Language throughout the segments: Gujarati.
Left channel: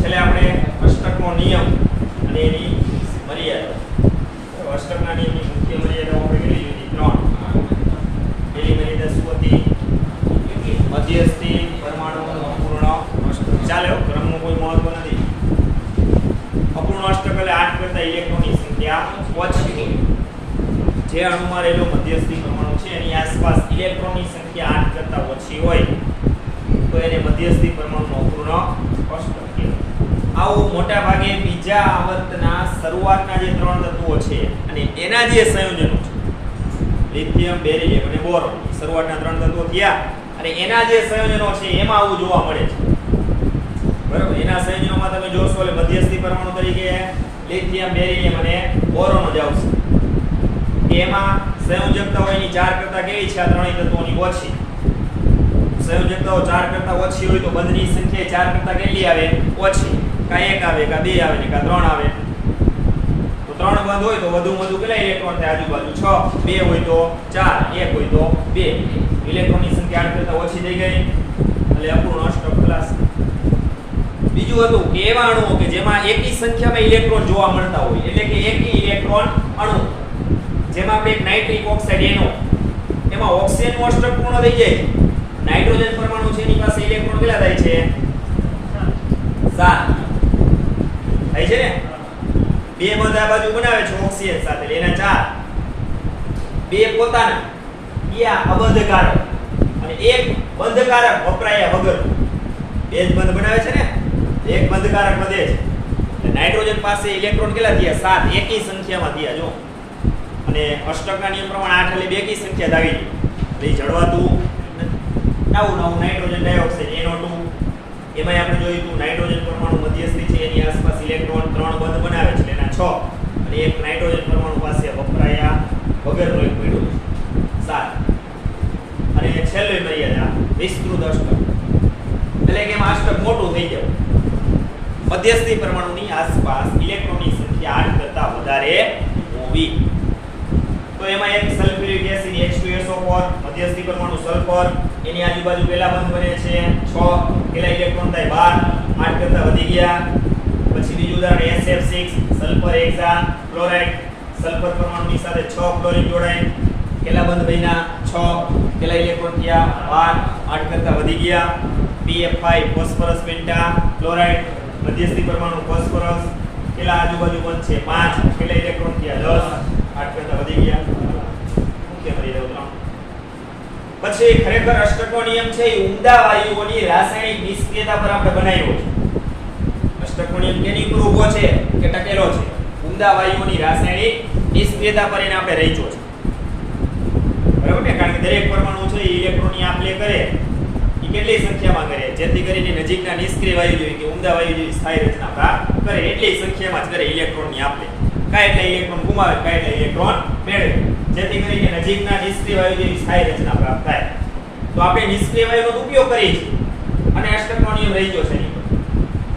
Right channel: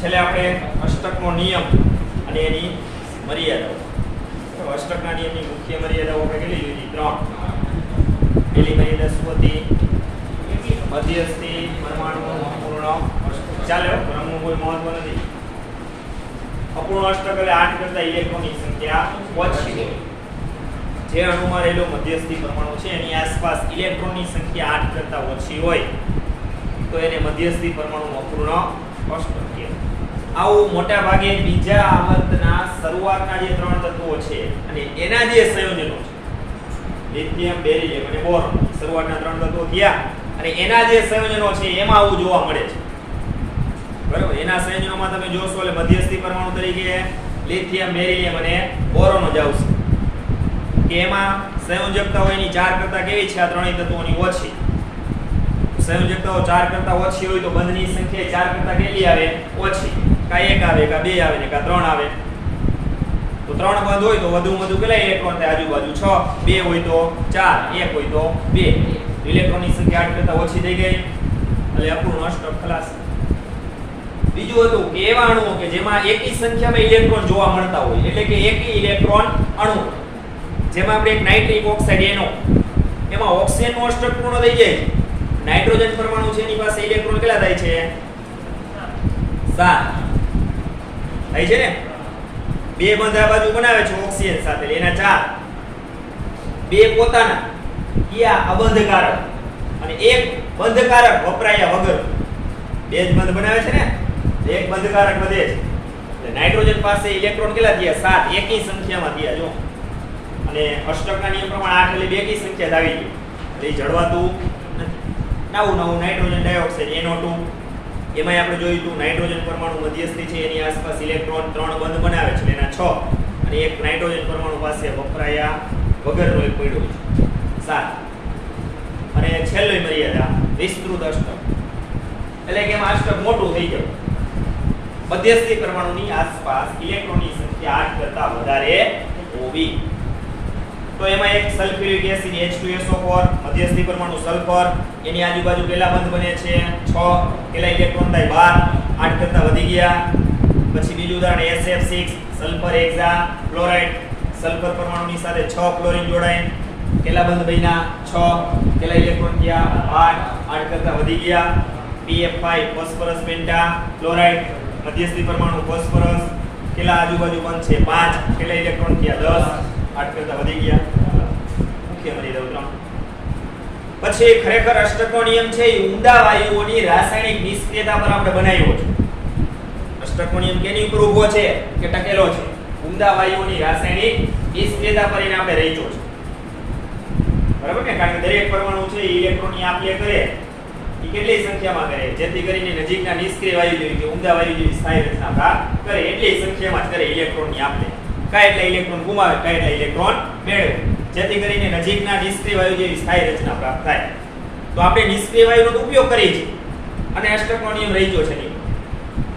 છેલ્લે આપણે અષ્ટકનો નિયમ અને એની મર્યાદા. અષ્ટકના નિયમની મુખ્ય મર્યાદાઓ આપણે કેટલી લીધી? 3. પહેલી મર્યાદા શું હતી? મધ્યસ્થી પરમાણુ અપૂર્ણ અષ્ટક. ચાલો ક્રમનું કોઈ મહત્વ નથી. અપૂર્ણ અષ્ટક એટલે 8 કરતા ઇલેક્ટ્રોનની સંખ્યા ઓછી હોય. જે અણુમાં રહેલો મધ્યસ્થી પરમાણુ છે એની આસપાસ ઇલેક્ટ્રોનની સંખ્યા 8 કરતા ઓછી હોય તો એને મધ્યસ્થી પરમાણુ અપૂર્ણ અષ્ટક કહેવાય. આવું મોટા ભાગે બીજા આવર્તના શરૂઆતના જે 3 તત્વો છે અને એના જે સંયોજનો છે લિથિયમ, બેરિલિયમ અને બોરોન, શરૂઆતના 3 તત્વો થયા અને એના જે સંયોજનો છે એમાં આવું જોવા મળે છે. બરાબર, એના સંયોજનોમાં તમે જોશો એટલે મધ્યસ્થી પરમાણુ તરીકે લિથિયમ, બેરિલિયમ અને બોરોન જ આવશે. કે એમાં સંયોજકતા હોય એની 4 કરતા કેવી છે? આ ત્રણેય તત્વોની ઓછી. સંયોજકતાઓ 4 કરતા ઓછી હોય તો બંધની સંખ્યા 4 કરતા કેટલી આવે? ઓછી. કા 1 આવે, કા 2 આવે ને કા 3 આવે. તો 3 બંધ હોય તો વધુ કેટલા ઇલેક્ટ્રોન થાય? આજુબાજુ 6. 2 હોય તો 4, 1 હોય તો 2. ઇલેક્ટ્રોનની સંખ્યા 8 કરતા ઓછી થઈ ગઈ એટલે અપૂર્ણ અષ્ટક ખલાસ. બીજું હતું કે એવા અણુઓ કે જેમાં એકી સંખ્યામાં ઇલેક્ટ્રોન જોવા મળતા હોય, એટલે કે એકી ઇલેક્ટ્રોન અણુ. જેમાં આપણે એક નાઇટ્રિક ઓક્સાઇડ NO, એમાં ઓક્સિજનનું અષ્ટક પૂર્ણ થઈ જાય. નાઇટ્રોજન પરમાણુ છે એની પાસે ઇલેક્ટ્રોન કેટલા થાય છે? 7 થાય છે ને. બે બંધ આ બાજુ બનાવે છે ઓક્સિજન સાથે, એના 4. બે પોતાના કયા અબંધકારક અને એક બંધકારક વપરાયા વગર. બે જ બંધ બનાવે છે ને, એક બંધકારક વધે છે. નાઇટ્રોજન પાસે ઇલેક્ટ્રોન કેટલા થયા? 7 એકી સંખ્યામાં થયા. જો અને અષ્ટકના નિયમ પ્રમાણે 8 એટલે બેકી સંખ્યા દાવી એટલે જળવાતું નથી. નવું નાઇટ્રોજન ડાયોક્સાઇડ NO2, એમાં આપણે જોયું હતું નાઇટ્રોજન પરમાણુ મધ્યસ્થી છે એની આસપાસ ઇલેક્ટ્રોન 3 બંધ બનાવે છે એના 6 અને એક નાઇટ્રોજન પરમાણુ પાસે વપરાયા વગરનો એક પડ્યો છે 7. અને છેલ્લી મર્યાદા વિસ્તૃત અષ્ટક, એટલે કે એમાં અષ્ટક મોટું થઈ જાય. મધ્યસ્થી પરમાણુની આસપાસ ઇલેક્ટ્રોનની સંખ્યા 8 કરતા વધારે હોવી. તો એમાં એક સલ્ફ્યુરિક એસિડ H2SO4, મધ્યસ્થી પરમાણુ સલ્ફર, એની આજુબાજુ પહેલા બંધ બને છે 6, કેટલા ઇલેક્ટ્રોન થાય? 12, 8 કરતા વધી ગયા. પછી બીજું ઉદાહરણ SF6, sulphur Hexa chloride, sulphur પરમાણુની સાથે 6 ક્લોરીન જોડાય, કેટલા બંધ બન્યા? 6, કેટલા ઇલેક્ટ્રોન ગયા? 8, 8 કરતા વધી ગયા. PF5, ફોસ્ફરસ પેન્ટા ક્લોરાઇડ, મધ્યસ્થી પરમાણુ ફોસ્ફરસ, કેટલા આજુબાજુ બંધ છે? 5, કેટલા ઇલેક્ટ્રોન ગયા? 10, 8 કરતા વધી ગયા. મુખ્ય મર્યાદા 3. પછી ખરેખર અષ્ટકનો નિયમ છે એ ઊંડા વાયુઓની રાસાયણિક નિષ્ક્રિયતા પર આપણે બનાવ્યો છે. અષ્ટકનો નિયમ કેની ઉપર ઊભો છે કે ટકેલો છે? ઊંડા વાયુઓની રાસાયણિક નિષ્ક્રિયતા પર એને આપણે રચ્યો છે. બરાબર ને? કારણ કે દરેક પરમાણુ છે એ ઇલેક્ટ્રોનની આપ-લે કરે એ કેટલી સંખ્યામાં કરે? જેથી કરીને નજીકના નિષ્ક્રિય વાયુ જેવી કે ઊંડા વાયુ જેવી સ્થાયી રચના પ્રાપ્ત કરે એટલી સંખ્યામાં જ કરે ઇલેક્ટ્રોનની આપ-લે. કાંઈ એટલા ઇલેક્ટ્રોન ગુમાવે, કાંઈ એટલા ઇલેક્ટ્રોન મેળવે, જેથી કરીને નજીકના નિષ્ક્રિય વાયુ જેવી સ્થાયી રચના પ્રાપ્ત થાય. તો આપણે નિષ્ક્રિય વાયુનો ઉપયોગ કરીએ છીએ અને અષ્ટકનો નિયમ રચ્યો છે એની.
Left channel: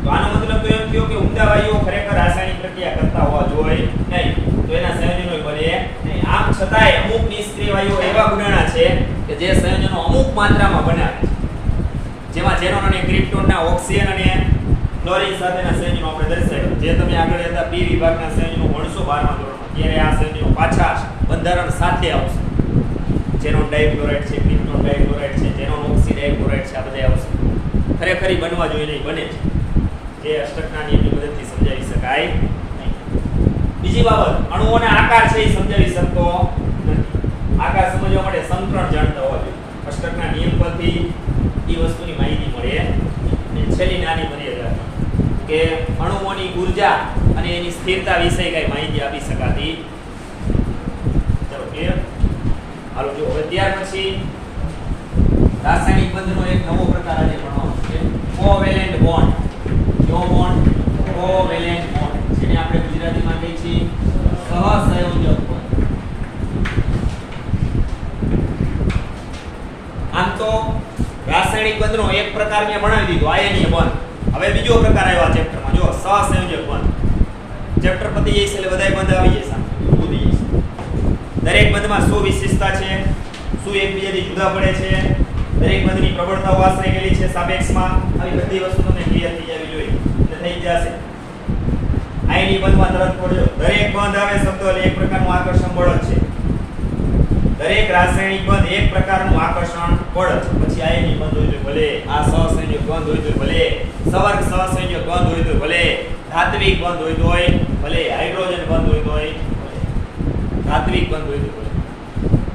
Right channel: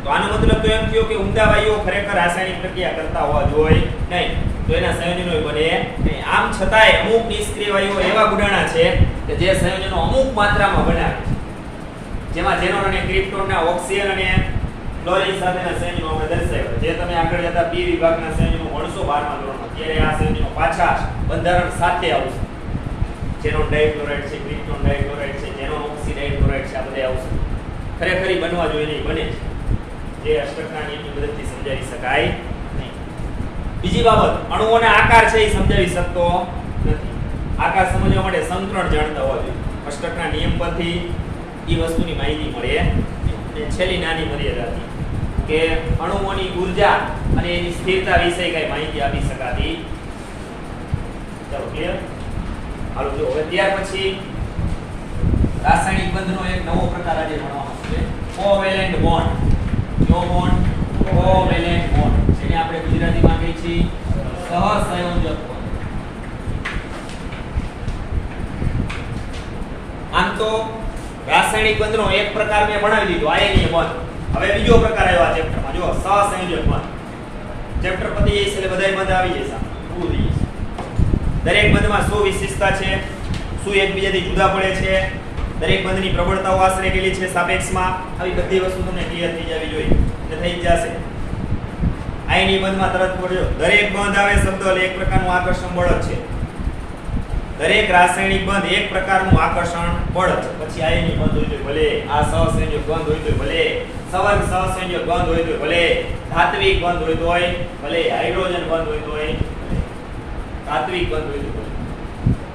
તો આનો મતલબ તો એમ થયો કે ઊંડા વાયુઓ ખરેખર રાસાયણિક પ્રક્રિયા કરતા હોવા જોઈએ નહીં, તો એના સંયોજનો બને નહીં. આમ છતાંય અમુક નિષ્ક્રિય વાયુઓ એવા ગુણાણા છે કે જે સંયોજનો અમુક માત્રામાં બનાવે છે, જેમાં ઝેનોન અને ક્રિપ્ટોનના ઓક્સિજન અને ક્લોરીન સાથેના સંયોજનો આપણે દર્શાવ્યા. જે તમે આગળ હતા P વિભાગના સંયોજનો ભણશો 12મા ધોરણમાં, ત્યારે આ સંયોજનો પાછા બંધારણ સાથે આવશે. ઝેનોન ડાઇક્લોરાઇડ છે, ક્રિપ્ટોન ડાઇક્લોરાઇડ છે, ઝેનોન ઓક્સિડાઇક્લોરાઇડ છે, આ બધા આવશે. ખરેખર બનવા જોઈએ નહીં, બને છે. જે અષ્ટકના નિયમની મદદથી સમજાવી શકાય નહીં. બીજી બાબત, અણુઓના આકાર છે એ સમજાવી શકતો નથી. આકાર સમજવા માટે સમીકરણ જાણતા હોવા જોઈએ. અષ્ટકના નિયમ પરથી એ વસ્તુની માહિતી મળે. અને છેલ્લી નાની મર્યાદા હતી કે અણુઓની ઊર્જા અને એની સ્થિરતા વિશે કઈ માહિતી આપી શકાતી. ચાલો ક્લિયર? હાલો જો હવે ત્યાર પછી રાસાયણિક બંધનો એક નવો પ્રકાર આજે ભણવાનો છે, કોવેલેન્ટ બોન્ડ. કયો બોન્ડ? કોવેલેન્ટ બોન્ડ, જેને આપણે ગુજરાતીમાં કહીએ છીએ સહસંયોજક બોન્ડ. આમ તો રાસાયણિક બંધનો એક પ્રકાર મેં ભણાવી દીધો, આયનીય બંધ. હવે બીજો પ્રકાર આવ્યો આ ચેપ્ટરમાં. જો સહસંયોજક બંધ. ચેપ્ટર પતી જશે એટલે બધાય બંધ આવી જશે. પૂરું થઈ જશે. દરેક બંધમાં શું વિશેષતા છે, શું એકબીજાથી જુદા પડે છે, દરેક બંધની પ્રબળતાઓ આશરે કેટલી છે સાપેક્ષમાં, આવી બધી વસ્તુ તમને ક્લિયર થઈ જવી જોઈએ, એટલે થઈ જ જશે. આયની બંધમાં તરત પડ્યો, દરેક બંધ આવે શબ્દ એટલે એક પ્રકારનું આકર્ષણ બળ જ છે. દરેક રાસાયણિક બંધ એક પ્રકારનું આકર્ષણ બળ છે. પછી આયની બંધ હોય તો ભલે, આ સહસંયોજક બંધ હોય તો ભલે, સવર્ગ સહસંયોજક બંધ હોય તો ભલે, ધાત્વિક બંધ હોય તોય ભલે, હાઇડ્રોજન બંધ હોય તોય ભલે, ધાત્વિક બંધ હોય તો ભલે,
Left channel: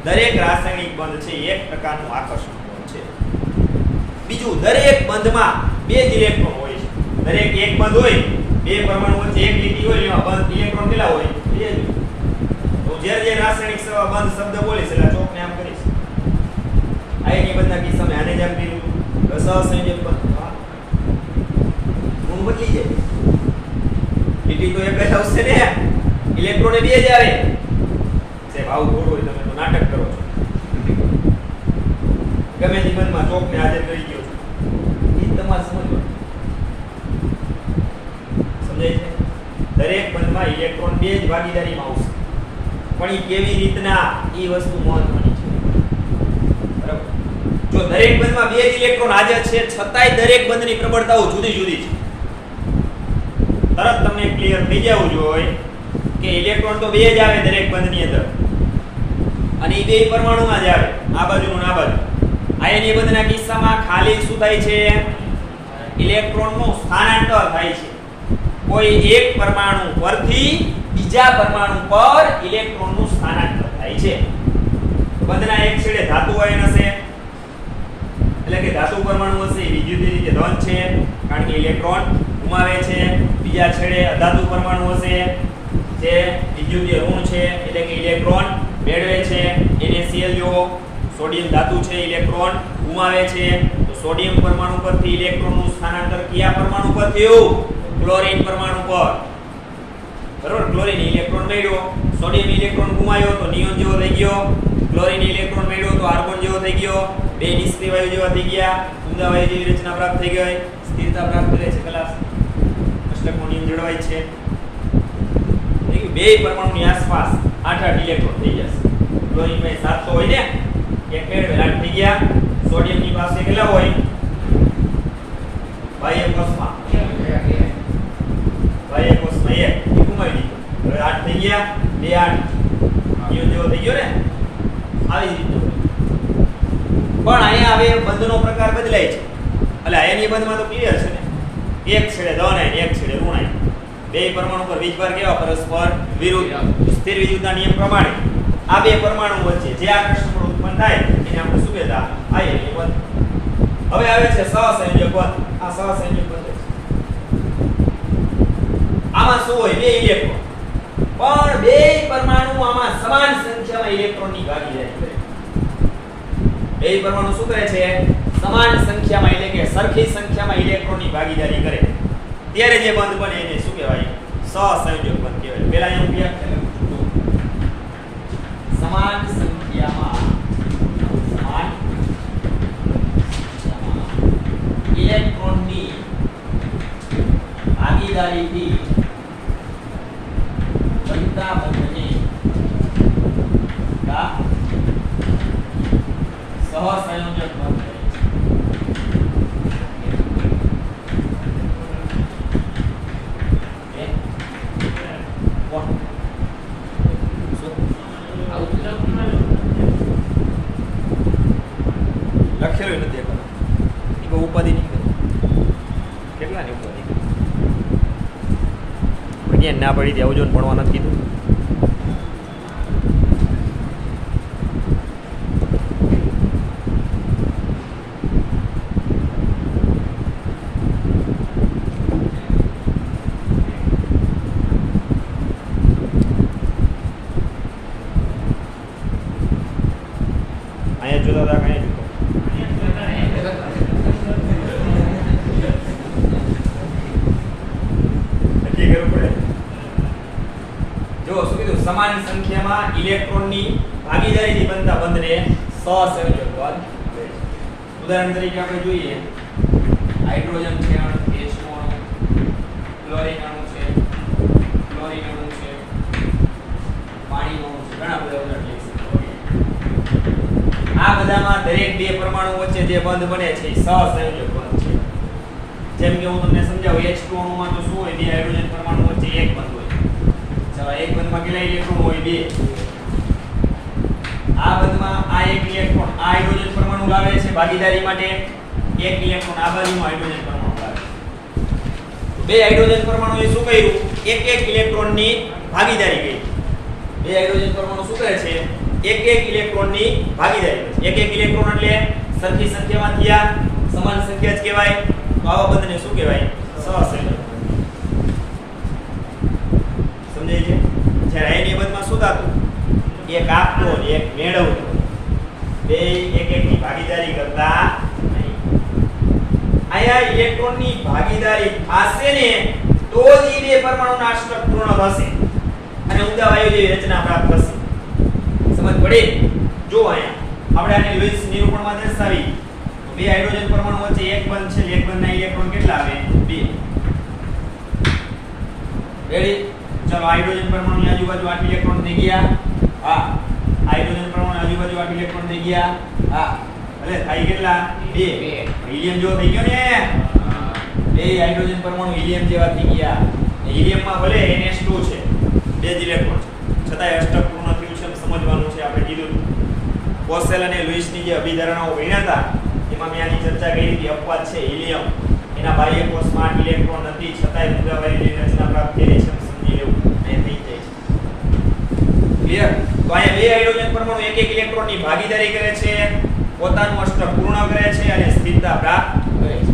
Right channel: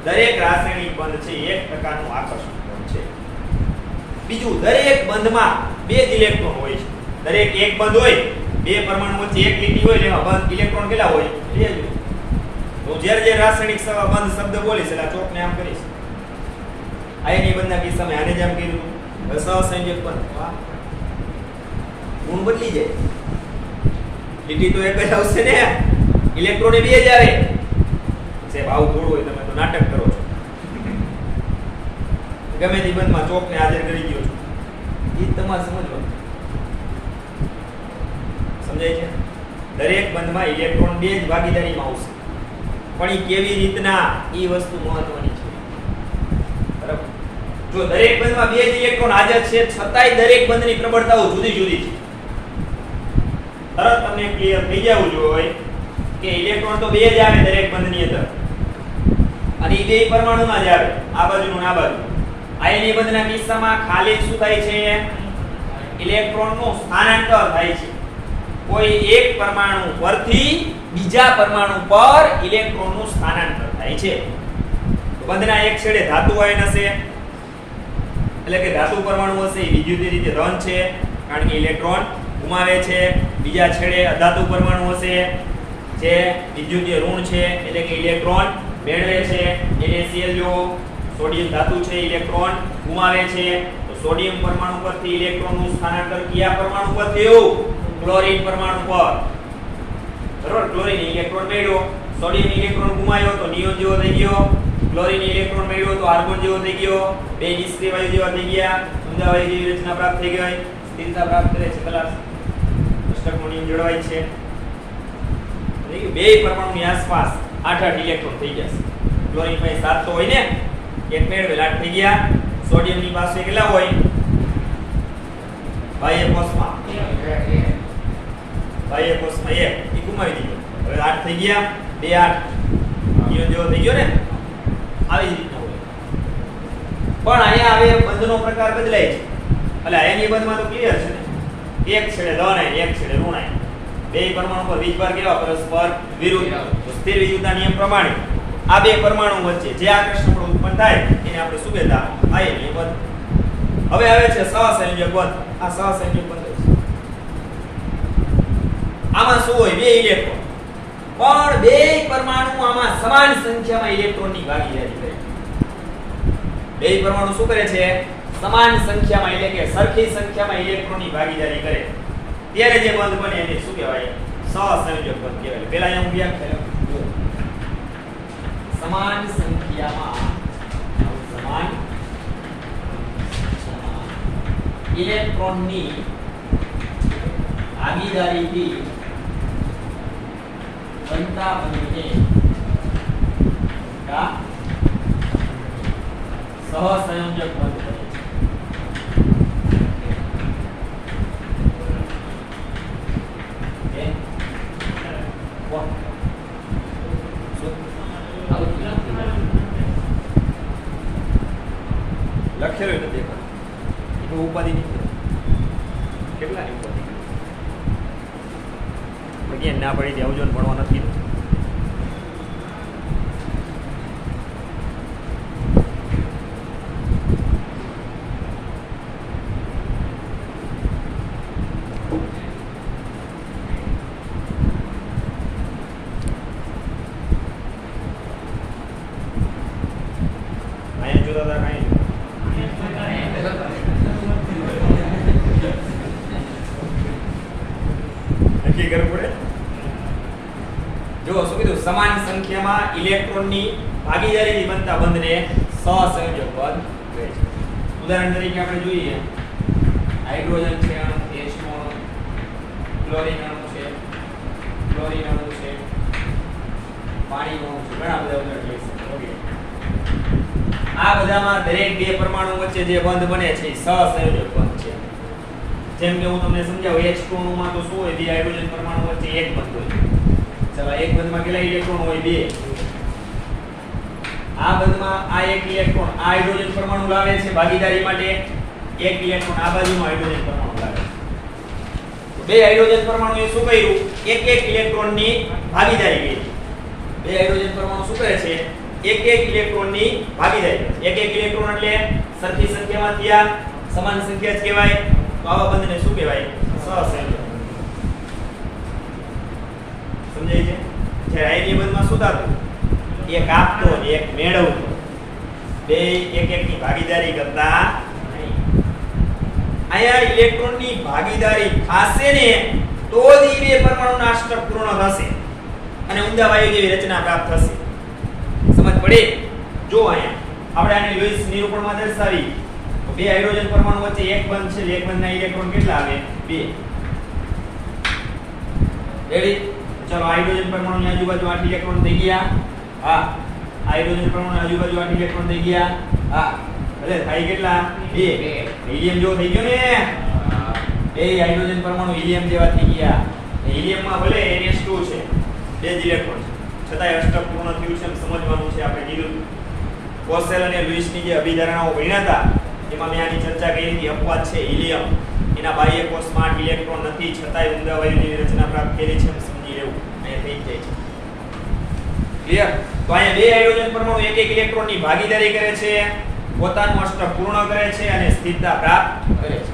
દરેક રાસાયણિક બંધ છે એક પ્રકારનું આકર્ષણ બળ છે. બીજું, દરેક બંધમાં બે જ ઇલેક્ટ્રોન હોય છે. દરેક એક બંધ હોય, બે પરમાણુ વચ્ચે એક લીટી હોય, એમાં બંધ ઇલેક્ટ્રોન કેટલા હોય? બે જ હોય. હું જે રાસાયણિક બંધ શબ્દ બોલીશ એટલે ચોકને આમ કરીશ. આયની બંધના કિસ્સામાં આને જેમ કર્યું, સહસંયોજક બંધ, ગુણ બદલી જાય. લીટી તો એક જ આવશે ને, ઇલેક્ટ્રોન બે જ આવે. સાહેબ આવું થોડું હોય, તમે તો નાટક કરો છો. ગમે તે બંધમાં ચોકને હાજર કરી ગયો છો, એ તમારે સમજવું. સમજાય છે? દરેક બંધમાં ઇલેક્ટ્રોન બે જ ભાગીદારીમાં આવશે, પણ એ કેવી રીતના એ વસ્તુ મહત્વની છે. બરાબર? જો દરેક બંધમાં બે જ ઇલેક્ટ્રોન હાજર છે, છતાંય દરેક બંધની પ્રબળતાઓ જુદી જુદી છે. તરત તમને ક્લિયર થઈ જવું જોઈએ કે ઇલેક્ટ્રોન તો બે જ આવે દરેક બંધની અંદર, અને એ બે પરમાણુમાં જ આવે, આ બાજુનું આ બાજુ. આયની બંધના કિસ્સામાં ખાલી શું થાય છે? ઇલેક્ટ્રોનનું સ્થાનાંતર થાય છે. કોઈ એક પરમાણુ પરથી બીજા પરમાણુ પર ઇલેક્ટ્રોનનું સ્થાનાંતર થાય છે. બંધના એક છેડે ધાતુ આયન હશે, એટલે કે ધાતુ પરમાણુ હશે, એ વિદ્યુતીય રીતે ધન છે કારણ કે ઇલેક્ટ્રોન ગુમાવે છે. બીજા છેડે અધાતુ પરમાણુ હશે જે વિદ્યુતીય ઋણ છે, એટલે કે ઇલેક્ટ્રોન મેળવે છે. NaCl જો સોડિયમ ધાતુ છે, ઇલેક્ટ્રોન ગુમાવે છે, તો સોડિયમ પરમાણુ પરથી ઇલેક્ટ્રોનનું સ્થાનાંતર કયા પરમાણુ પર થયું? ક્લોરીન પરમાણુ પર. બરોબર? ક્લોરીન ઇલેક્ટ્રોન મેળવ્યો, સોડિયમ ઇલેક્ટ્રોન ગુમાવ્યો તો નિયોન જેવો થઈ ગયો, ક્લોરીન ઇલેક્ટ્રોન મેળવ્યો તો આર્ગોન જેવો થઈ ગયો, બે નિષ્ક્રિય વાયુ જેવા થઈ ગયા, ઊંડા વાયુ જેવી રચના પ્રાપ્ત થઈ ગઈ, સ્થિરતા પ્રાપ્ત કરે છે. કલાસ અષ્ટકનો નિયમ જળવાય છે. બે પરમાણુની આસપાસ 8 ઇલેક્ટ્રોન થઈ જશે. ક્લોરીન પાસે 7 તો હોય ને, એક મેળવેલ 8 થઈ ગયા. સોડિયમની પાસે કેટલા હોય? બાહ્ય કોષમાં બાહ્ય કોષમાં 1 એ ગુમાવી દીધો, હવે 8 થઈ ગયા, 2 8 નિયોન જેવો થઈ ગયો ને. આવી જ રીતનું હોય. પણ અહીંયા હવે બંધનો પ્રકાર બદલાય છે. એટલે આયની બંધમાં તો ક્લિયર છે ને, એક છેડે ધન આયન, એક છેડે ઋણ આયન. બે પરમાણુ પર વીજભાર કેવા? પરસ્પર વિરુદ્ધ. સ્થિર વિદ્યુતના નિયમ પ્રમાણે આ બે પરમાણુ વચ્ચે જે આકર્ષણ ઉત્પન્ન થાય એને આપણે શું કહેતા? આયનીય બંધ. હવે આવે છે સહસંયોજક બંધ. આ સહસંયોજક બંધ છે. આમાં શું હોય? બે ઇલેક્ટ્રોન, પણ બે પરમાણુ આમાં સમાન સંખ્યામાં ઇલેક્ટ્રોનની ભાગીદારી કરે. બે પરમાણુ શું કરે છે? સમાન સંખ્યામાં, એટલે કે સરખી સંખ્યામાં ઇલેક્ટ્રોનની ભાગીદારી કરે. ત્યારે જે બંધ બને એને શું કહેવાય? સહસંયોજક બંધ કહેવાય. પહેલા અહીંયા હું વ્યાખ્યા લખું છું. સમાન સંખ્યામાં ઇલેક્ટ્રોનની ભાગીદારીથી બનતા બંધને સહસંયોજક બંધ કહે છે. લખેલું નથી ઉપાધિ કેટલાની ઉપાધિ again ના પડી દેવું જો ભણવા નથી કીધું. અહીંયા જોતા હતા કઈ નક્કી કરવું પડે. જો શું કીધું? સમાન સંખ્યામાં ઇલેક્ટ્રોનની ભાગીદારીથી બનતા બંધને સહસંયોજક બંધ કહે છે. ઉદાહરણ તરીકે આપણે જોઈએ, હાઇડ્રોજન છે, H નો અણુ, ક્લોરીન અણુ છે, ક્લોરીન અણુ છે, પાણીનો અણુ છે, ઘણા બધા ઉદાહરણ લઈ શકીએ. આ બધામાં દરેક બે પરમાણુ વચ્ચે જે બંધ બને છે એ સહસંયોજક બંધ છે. જેમ કે હું તમને સમજાવું, H2 માં તો શું હોય, બે હાઇડ્રોજન પરમાણુ વચ્ચે એક બંધ હોય. ચાલો એક બંધમાં કેટલા ઇલેક્ટ્રોન હોય? બે. આ બંધમાં આ એક ઇલેક્ટ્રોન આ હાઇડ્રોજન પરમાણુ લાવે છે ભાગીદારી માટે, એક ઇલેક્ટ્રોન આ બાજુનો હાઇડ્રોજન પરમાણુ લાવે છે. તો બે હાઇડ્રોજન પરમાણુએ શું કર્યું? એક એક ઇલેક્ટ્રોનની ભાગીદારી કરી. બે હાઇડ્રોજન પરમાણુ શું કરે છે? એક એક ઇલેક્ટ્રોનની ભાગીદારી કરે છે. એક એક ઇલેક્ટ્રોન એટલે સરખી સંખ્યામાં થયા, સમાન સંખ્યા જ કહેવાય. તો આવા બંધને શું કહેવાય? સહસંયોજક. સમજાય છે? જ્યારે આયનીય બંધમાં શું થતું? એક આપતો અને એક મેળવતો, બે એક એકની ભાગીદારી કરતા નહીં. અહીંયા ઇલેક્ટ્રોનની ભાગીદારી થશે ને તો જ એ બે પરમાણુના અષ્ટક પૂર્ણ થશે અને ઊંડા વાયુ જેવી રચના પ્રાપ્ત થશે. સમજ પડી? જો અહીંયા આપણે આને લુઈસ નિરૂપણમાં દર્શાવી, બે હાઇડ્રોજન પરમાણુ વચ્ચે એક બંધ છે, એક બંધના ઇલેક્ટ્રોન કેટલા આવે? બે. રેડી? ચલો હાઇડ્રોજન પરમાણુની આજુબાજુ 8 ઇલેક્ટ્રોન થઈ ગયા. હા. હાઇડ્રોજન પરમાણુની આજુબાજુ 8 ઇલેક્ટ્રોન થઈ ગયા. હા. એટલે થાય કેટલા? 2. હિલિયમ જો થઈ ગયો ને? હા. બે હાઇડ્રોજન પરમાણુ હિલિયમ જેવા થઈ ગયા. હિલિયમમાં ભલે NH2 છે, બે જ ઇલેક્ટ્રોન છે, છતાંય અષ્ટક પૂર્ણ થયું છે એમ સમજવાનું છે. આપણે કીધું કોસેલ અને લુઈસની જે અભિધારણાઓ ભણ્યા હતા એમાં મેં આની ચર્ચા કરી હતી. અપવાદ છે હિલિયમ, એના બાહ્ય કોષમાં 8 ઇલેક્ટ્રોન નથી, છતાંય ઊંડા વાયુ જેવી રચના પ્રાપ્ત કરી છે એમ સમજી લેવું. અહીંયા થઈ જાય છે. ક્લિયર? તો અહીંયા બે હાઇડ્રોજન પરમાણુ એક એક ઇલેક્ટ્રોનની ભાગીદારી કરે છે, પોતાનું અષ્ટક પૂર્ણ કરે છે અને સ્થિરતા પ્રાપ્ત કરે છે.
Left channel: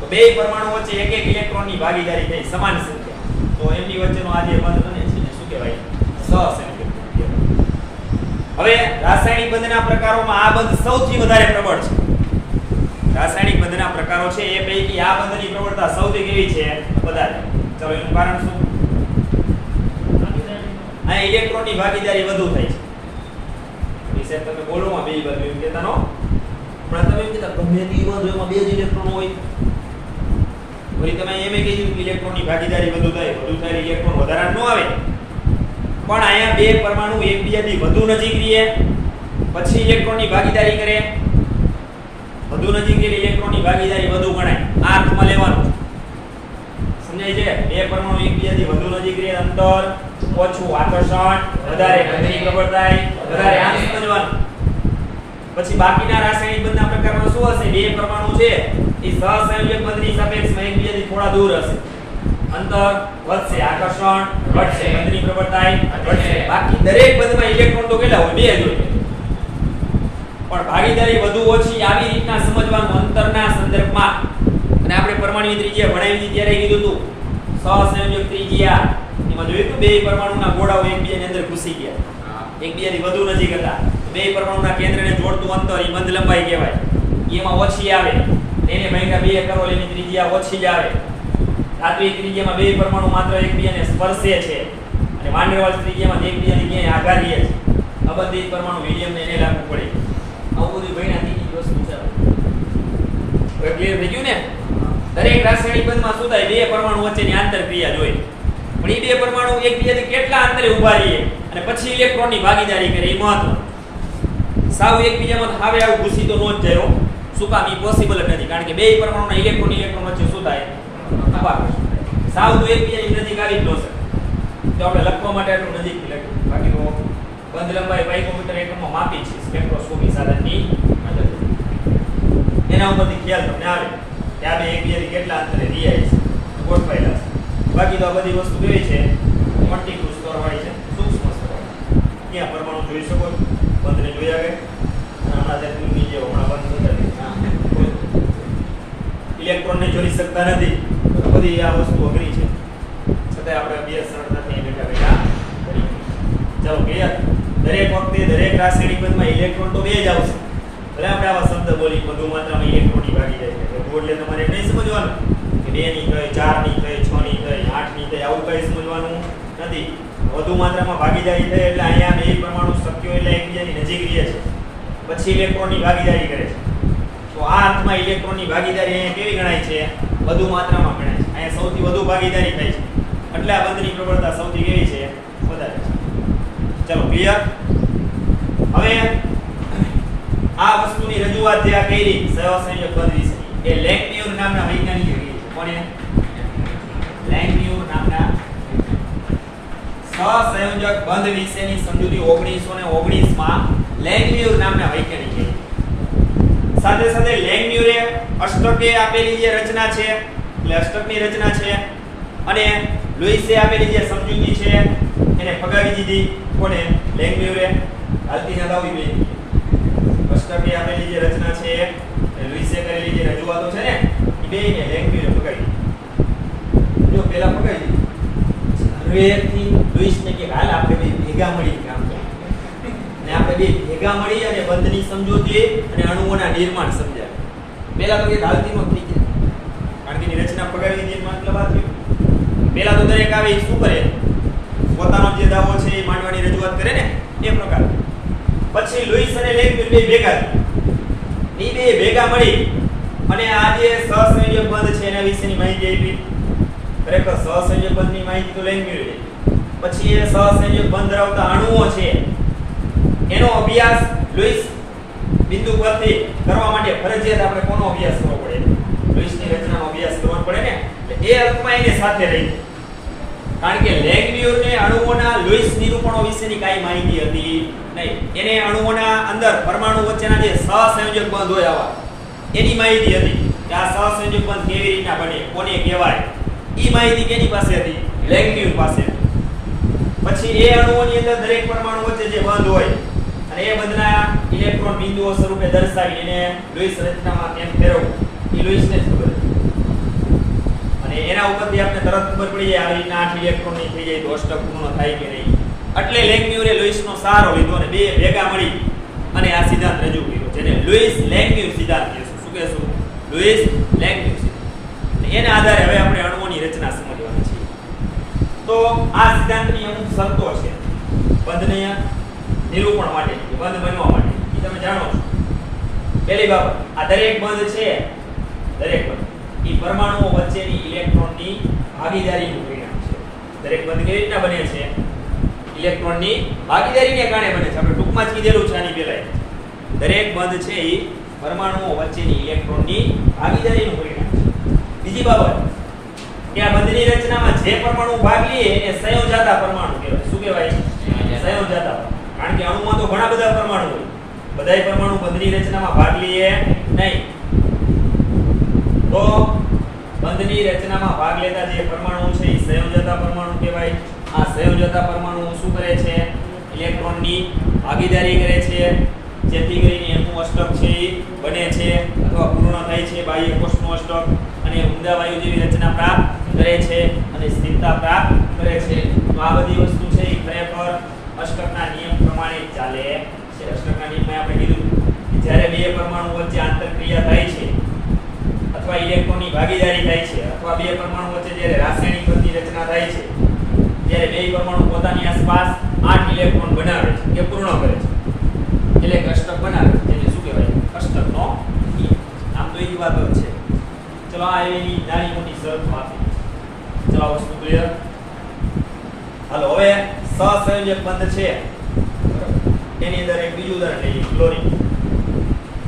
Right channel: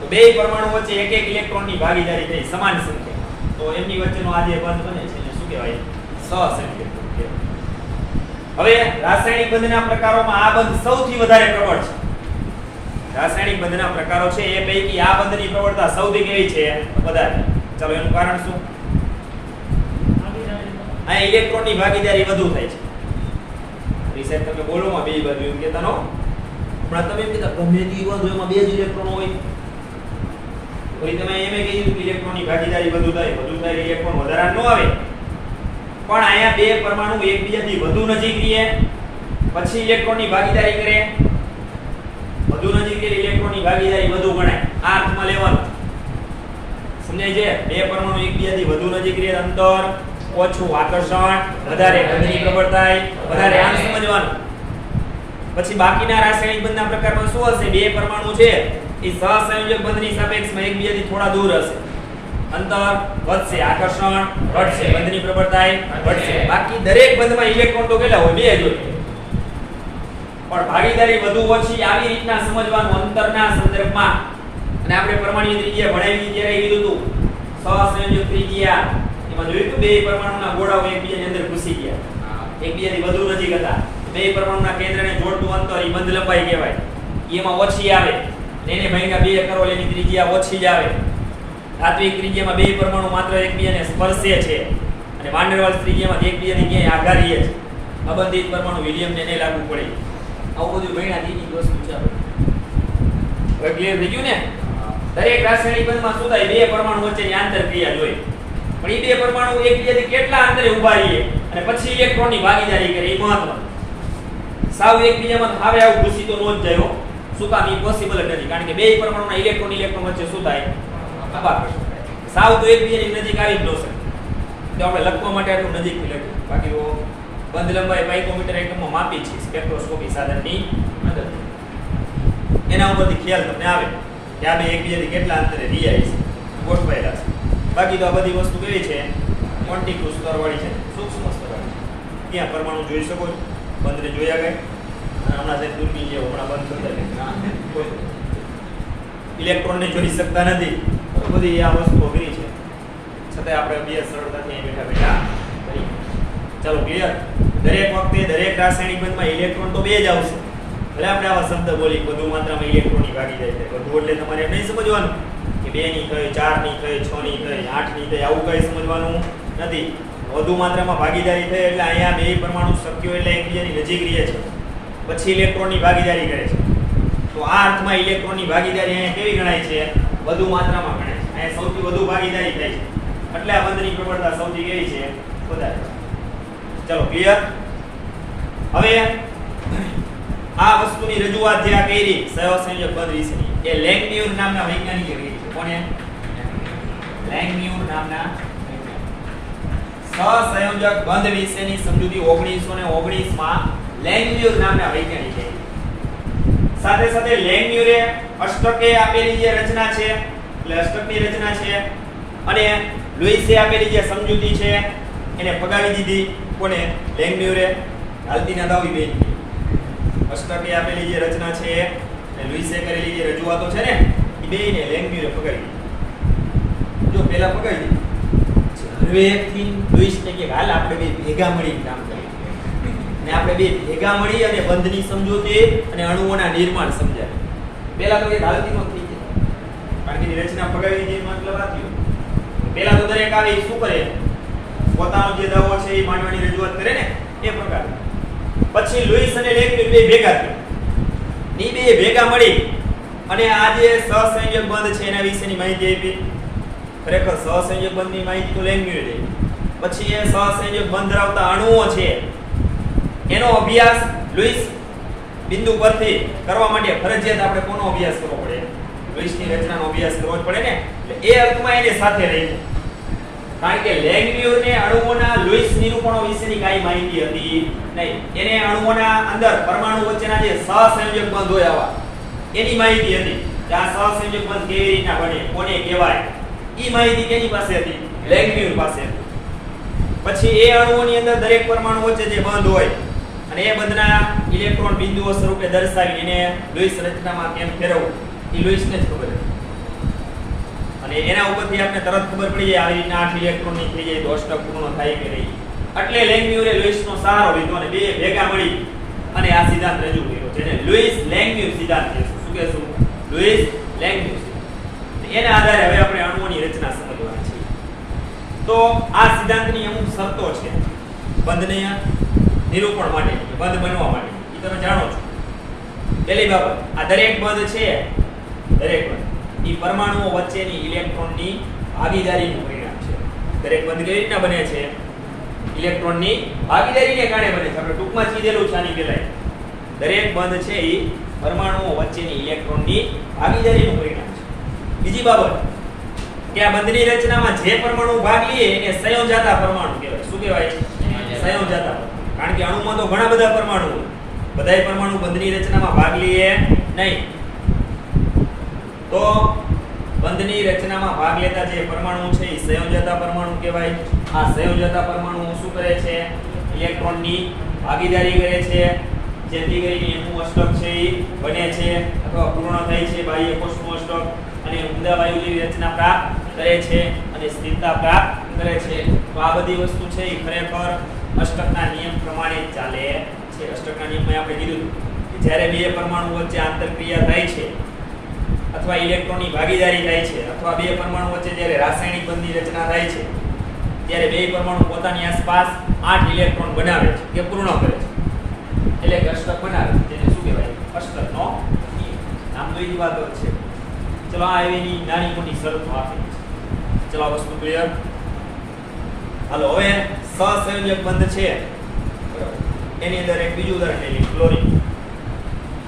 તો બે પરમાણુ વચ્ચે એક એક ઇલેક્ટ્રોનની ભાગીદારી થઈ, સમાન સંખ્યા. તો એમની વચ્ચેનો આ જે બંધ બને છે એને શું કહેવાય? સહસંયોજક બંધ કહેવાય. હવે રાસાયણિક બંધના પ્રકારોમાં આ બંધ સૌથી વધારે પ્રબળ છે. રાસાયણિક બંધના પ્રકારો છે એ પૈકી આ બંધની પ્રબળતા સૌથી કેવી છે? વધારે. ચલો એનું કારણ શું? આ ઇલેક્ટ્રોનની ભાગીદારી વધુ થાય છે. વિશે તમે બોલોમાં બે બાજુ એમ કહેતા નો, પણ તમે એમ કહેતા ગમે તે બંધ એમાં બે જ ઇલેક્ટ્રોન હોય. વળી તમે એમ કહીયું કે ઇલેક્ટ્રોનની ભાગીદારી વધુ થાય ઇલેક્ટ્રોન વધારા ન આવે. પણ અહીંયા બે પરમાણુ એકબીજાથી વધુ નજીક રહે પછી ઇલેક્ટ્રોનની ભાગીદારી કરે, વધુ નજીક રહે ઇલેક્ટ્રોનની ભાગીદારી વધુ ગણાય. આ અર્થમાં લેવાનું. સમજાય છે? બે પરમાણુ એકબીજાથી વધુ નજીક રહે, અંતર ઓછું, આકર્ષણ વધારે, બંધની પ્રબળતા વધારે. આને સમજવાનું. પછી બાકીના રાસાયણિક બંધના પ્રકારમાં શું હશે? બે પરમાણુ છે એ સહસંયોજક બંધની સાપેક્ષમાં એકબીજાથી થોડા દૂર હશે, અંતર વધશે, આકર્ષણ ઘટશે, બંધની પ્રબળતા ઘટશે. બાકી દરેક બંધમાં ઇલેક્ટ્રોન તો કેટલા હોય? બે જ હોય. પણ ભાગીદારી વધુ ઓછી આવી રીતના સમજવાનું અંતરના સંદર્ભમાં. અને આપણે પરમાણુ ત્રિજ્યા ભણાવી ત્યારે કીધું હતું સહસંયોજક ત્રિજ્યા એમાં જોયું તો બે પરમાણુના ગોળાઓ એકબીજાની અંદર ઘૂસી ગયા, એકબીજાથી વધુ નજીક હતા. બે પરમાણુના કેન્દ્રને જોડતું અંતર એ બંધ લંબાઈ કહેવાય. એમાં ઓછી આવે, એને ભાગ્યા 2 કરો એની ત્રિજ્યા ઓછી જ આવે. ધાત્વિક ત્રિજ્યામાં બે પરમાણુ માત્ર એકબીજાને સ્પર્શે છે અને વાન ડેર વાલ્સ ત્રિજ્યામાં એકબીજાને ક્યાંય આઘારીએ છે. અબંધિત પરમાણુ હિલિયમને નહીં લાગુ પડે. આવું બધું ભણ્યા ત્રીજી વસ્તુ છે. હવે ક્લિયર થઈ ગયું ને? દરેક રાસાયણિક બંધમાં શું થાય? બે પરમાણુ વચ્ચેની આંતરક્રિયા જોઈએ. પણ એ બે પરમાણુ એકબીજાથી કેટલા અંતરે ઉભા રહીએ અને પછી ઇલેક્ટ્રોનની ભાગીદારી કરે એ મહત્વ. સાવ એકબીજામાં આવે આવું ઘૂસી તો નો જ જાય. શું કામ? એ પોસિબલ જ નથી. કારણ કે બે પરમાણુના ઇલેક્ટ્રોન વચ્ચે શું થાય? સાવ તો એકબીજાની નજીક આવી જ ન શકે. તો આપણે લખવા માટે આટલું નજીકથી લખ્યું. બાકી બંધ લંબાઈ પાઇકોમીટર એકમમાં માપી છે સ્પેક્ટ્રોસ્કોપી સાધનની મદદથી. એના ઉપરથી ખ્યાલ તમને આવે કે આ બે એકબીજાથી કેટલા અંતરે રહ્યા છે, ગોઠવાયેલા છે. બાકી તો આ બધી વસ્તુ કેવી છે? ક્વોન્ટિટી સ્તરવાળી છે, સૂક્ષ્મ સ્તરવાળી. ત્યાં પરમાણુ જોઈ શકો છો, બંધને જોયા ગઈ. હમણાં જે દૂરની જે હમણાં બંધ બતાવી ઇલેક્ટ્રોનને જોઈ શકતા નથી. બધી આ વસ્તુઓ કરી છે, છતાં આપણે બે સરળતાથી બેઠા બેઠા કરી. ચાલો ક્લિયર? દરેક વખતે દરેક રાસાયણિક બંધમાં ઇલેક્ટ્રોન તો બે જ આવશે. ભલે આપણે આવા શબ્દ બોલી વધુ માત્રામાં ઇલેક્ટ્રોનની ભાગીદારી છે, વધુ એટલે તમારે એમ નહીં સમજવાનું કે 2 ની કઈ, 4 ની કઈ, 6 ની કઈ, 8 ની કઈ, આવું કઈ સમજવાનું નથી. વધુ માત્રામાં ભાગીદારી થાય એટલે અહીંયા બે પરમાણુ શક્યો એટલે એકબીજાની નજીક રહે છે, પછી ઇલેક્ટ્રોનની ભાગીદારી કરે છે. તો આ અર્થમાં ઇલેક્ટ્રોનની ભાગીદારી અહીંયા કેવી ગણાય છે? વધુ માત્રામાં ગણાય છે. અહીંયા સૌથી વધુ ભાગીદારી થાય છે એટલે આ બંધની પ્રબળતા સૌથી કેવી છે? વધારે છે. ચલો ક્લિયર? હવે આ વસ્તુની રજૂઆત જે આ કરી સહસંયોજક બંધ વિશેની એ લેંગમ્યુર નામના વૈજ્ઞાનિકે કરી છે. કોને? લેંગમ્યુર નામના સહસંયોજક બંધ વિશેની સમજૂતી 1919 માં લેંગમ્યુર નામના વૈજ્ઞાનિકે. સાથે સાથે લેંગમ્યુરે અષ્ટકે આપેલી જે રચના છે એટલે અષ્ટકની રચના છે અને લુઈસે આપેલી જે સમજૂતી છે એને ફગાવી દીધી. કોને? લેંગમ્યુરે. હાલતી ના દાવી બે અષ્ટકે આપેલી જે રચના છે અને લુઈસે કરેલી જે રજૂઆતો છે ને એ બેને લેંગમ્યુરે ફગાવી દીધી. જો પહેલા ફગાવી દીધી હવે એકથી લુઈસને કે હાલ આપણે બે ભેગા મળી કામ કરીએ અને આપણે બે ભેગા મળી અને બંધની સમજૂતી અને અણુઓના નિર્માણ સમજાય. પહેલા તો એક હાલતીમાં થઈ જાય કારણ કે એની રચના ફગાવી દીધી મતલબ આ થયું. પહેલા તો દરેક આવે એ શું કરે? પોતાનો જે દાવો છે એ માંડવાની રજૂઆત કરે ને એ પ્રકાર. પછી લુઈસ અને લેંગમ્યુર બે ભેગા થયા. એ બે ભેગા મળી અને આ જે સહસંયોજક બંધ છે એના વિશેની માહિતી આપી. ખરેખર સહસંયોજક બંધની માહિતી તો લેંગમ્યુરે આપી. પછી એ સહસંયોજક બંધ ધરાવતા અણુઓ છે એનો અભ્યાસ લુઈસ બિંદુ પરથી કરવા માટે ફરજિયાત આપણે કોનો અભ્યાસ કરવો પડે? લુઈસની રચનાનો અભ્યાસ કરવો પડે ને. એટલે એ અર્થમાં એને સાથે રહી કારણ કે લેંગમ્યુરને અણુઓના લુઈસ નિરૂપણો વિશેની કાંઈ માહિતી હતી નહીં. એને અણુઓના અંદર પરમાણુ વચ્ચેના જે સહસંયોજક બંધ હોય આવા એની માહિતી હતી કે આ સહસંયોજક બંધ કેવી રીતના બને, કોને કહેવાય, એ માહિતી કેની પાસે હતી? લેંગમ્યુર પાસે હતી. પછી એ અણુઓની અંદર દરેક પરમાણુ વચ્ચે જે બંધ હોય અને એ બંધના ઇલેક્ટ્રોન બિંદુઓ સ્વરૂપે દર્શાવી એને લુઈસ રચનામાં કેમ ફેરવવું એ લુઈસને જ ખબર હતી. અને એના ઉપરથી આપણે તરત ખબર પડી જાય આવી રીતના 8 ઇલેક્ટ્રોનની થઈ જાય તો અષ્ટક પૂર્ણ થાય કે નહીં. એટલે લેંગમ્યુરે લુઈસનો સહારો લીધો અને બે ભેગા મળી અને આ સિદ્ધાંત રજૂ કર્યો જેને લુઈસ લેંગમ્યુર સિદ્ધાંત કહેશું. શું કહેશું? લુઈસ લેંગમ્યુર સિદ્ધાંત. એના આધારે હવે આપણે અણુઓની રચના સમજવાની છે. તો આ સિદ્ધાંતની અમુક શરતો છે બંધને નિરૂપણ માટે, બંધ બનવા માટે. એ તમે જાણો છો. પહેલી બાબત, આ દરેક બંધ છે દરેક બંધ એ પરમાણુઓ વચ્ચેની ઇલેક્ટ્રોનની ભાગીદારીનું પરિણામ છે. દરેક બંધ કેવી રીતના બને છે? ઇલેક્ટ્રોનની ભાગીદારીને કારણે બને છે. આપણે ટૂંકમાં જ કીધેલું છે આની પહેલા. દરેક બંધ છે એ પરમાણુઓ વચ્ચેની ઇલેક્ટ્રોનની ભાગીદારીનું પરિણામ છે. બીજી બાબત કે આ બંધની રચનામાં જે પરમાણુ ભાગ લે એ સંયોજાતા પરમાણુ કહેવાય. શું કહેવાય? સંયોજાતા. કારણ કે અણુમાં તો ઘણા બધા પરમાણુ હોય. બધાય પરમાણુ બંધની રચનામાં ભાગ લે નહીં. તો બંધની રચનામાં ભાગ લેતા જે પરમાણુ છે એ સંયોજતા પરમાણુ કહેવાય. આ સંયોજતા પરમાણુ શું કરે છે? ઇલેક્ટ્રોનની ભાગીદારી કરે છે જેથી કરીને એનું અષ્ટક છે એ બને છે અથવા પૂર્ણ થાય છે. બાહ્ય કોષનું અષ્ટક અને ઊંડા વાયુ જેવી રચના પ્રાપ્ત કરે છે અને સ્થિરતા પ્રાપ્ત કરે છે. તો આ બધી વસ્તુ છે એ ખરેખર અષ્ટકના નિયમ પ્રમાણે ચાલે છે. અષ્ટકના નિયમમાં આપણે કીધું કે જ્યારે બે પરમાણુ વચ્ચે આંતરક્રિયા થાય છે અથવા ઇલેક્ટ્રોનની ભાગીદારી થાય છે અથવા બે પરમાણુ વચ્ચે જ્યારે રાસાયણિક બંધની રચના થાય છે ત્યારે બે પરમાણુ પોતાની આસપાસ 8 ઇલેક્ટ્રોન બનાવે છે કે પૂર્ણ કરે છે એટલે અષ્ટક બનાવે છે. જેને શું કહેવાય? અષ્ટકનો નિયમ. આમ તો એ જ વાતો છે. ચલો આ એની નાની મોટી શરતો આપી છે. ચલો આ વસ્તુ ક્લિયર. હાલો હવે સહસંયોજક બંધ છે એની અંદર એક બીજું ઉદાહરણ લઈએ, ક્લોરીન.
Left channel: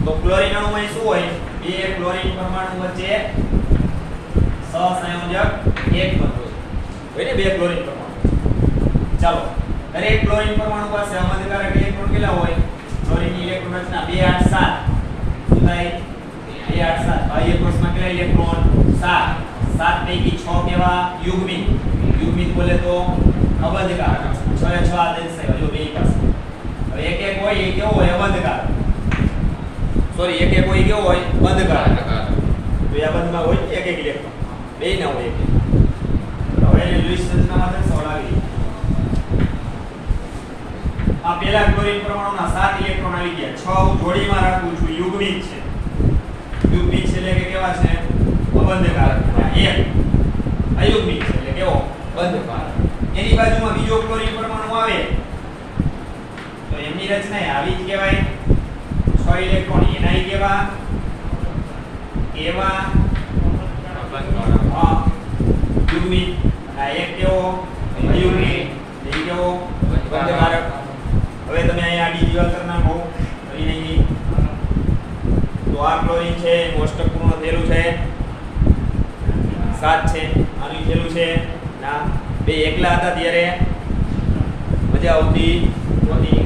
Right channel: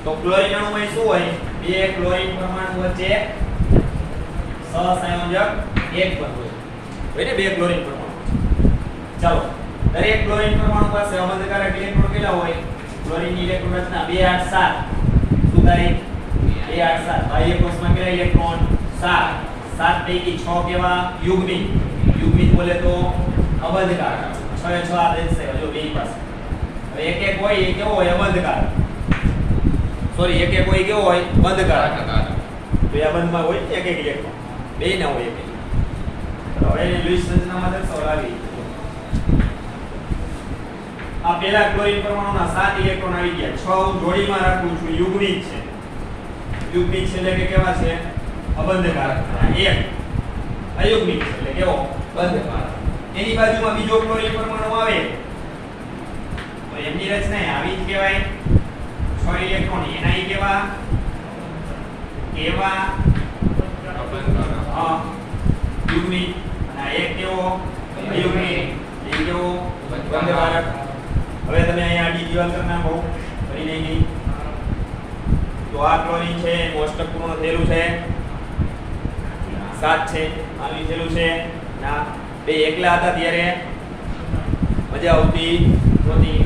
તો ક્લોરીન અણુમાં શું હોય? બે ક્લોરીન પરમાણુ વચ્ચે સહસંયોજક એક બંધ હોય ને બે ક્લોરીન પરમાણુ. ચાલો દરેક ક્લોરીન પરમાણુ પાસે અમંદકારક ઇલેક્ટ્રોન કેટલા હોય? ક્લોરીનની ઇલેક્ટ્રોન રચના 2 8 7. શું થાય? 2 8 7. બાહ્ય કોષમાં કેટલા ઇલેક્ટ્રોન? 7. 7 પૈકી 6 કેવા? યુગ્મિત. યુગ્મિત બોલે તો અબંધકારક. 6 એ 6 દેખાય જો બે પાસે. હવે એક એક હોય એ કેવો હોય? અબંધકારક. સોરી એક એક હોય કેવો હોય? બંધકારક. તો આ બંધમાં હોય એક એક ઇલેક્ટ્રોન. બે ના હોય એક એક. તો હવે લુઈસ રચનામાં દર્શાવ લાવી. આ પહેલા ક્લોરીન પરમાણુના 7 ઇલેક્ટ્રોન આવી ગયા. 6 હું જોડીમાં રાખું છું. યુગ્મિત છે. યુગ્મિત છે એટલે કે કેવા છે? અબંધકારક. એક અયુગ્મિત છે એટલે કેવો? બંધકારક. એની બાજુમાં બીજો ક્લોરીન પરમાણુ આવે તો એમની રચના આવી જ કહેવાય. 6 ઇલેક્ટ્રોન એના કેવા? કેવા અબંધકારક. યુગ્મિત. અને એક કેવો? અયુગ્મિત. એ કેવો? બંધકારક. હવે તમે અહીંયા આડી દિવાલ કરી નાખો. કરી નહીં તો આ ક્લોરીન છે એનું અષ્ટક પૂર્ણ થયેલું છે 7 છે, આનું થયેલું છે ના બે એકલા હતા ત્યારે મજા આવતી નહોતી.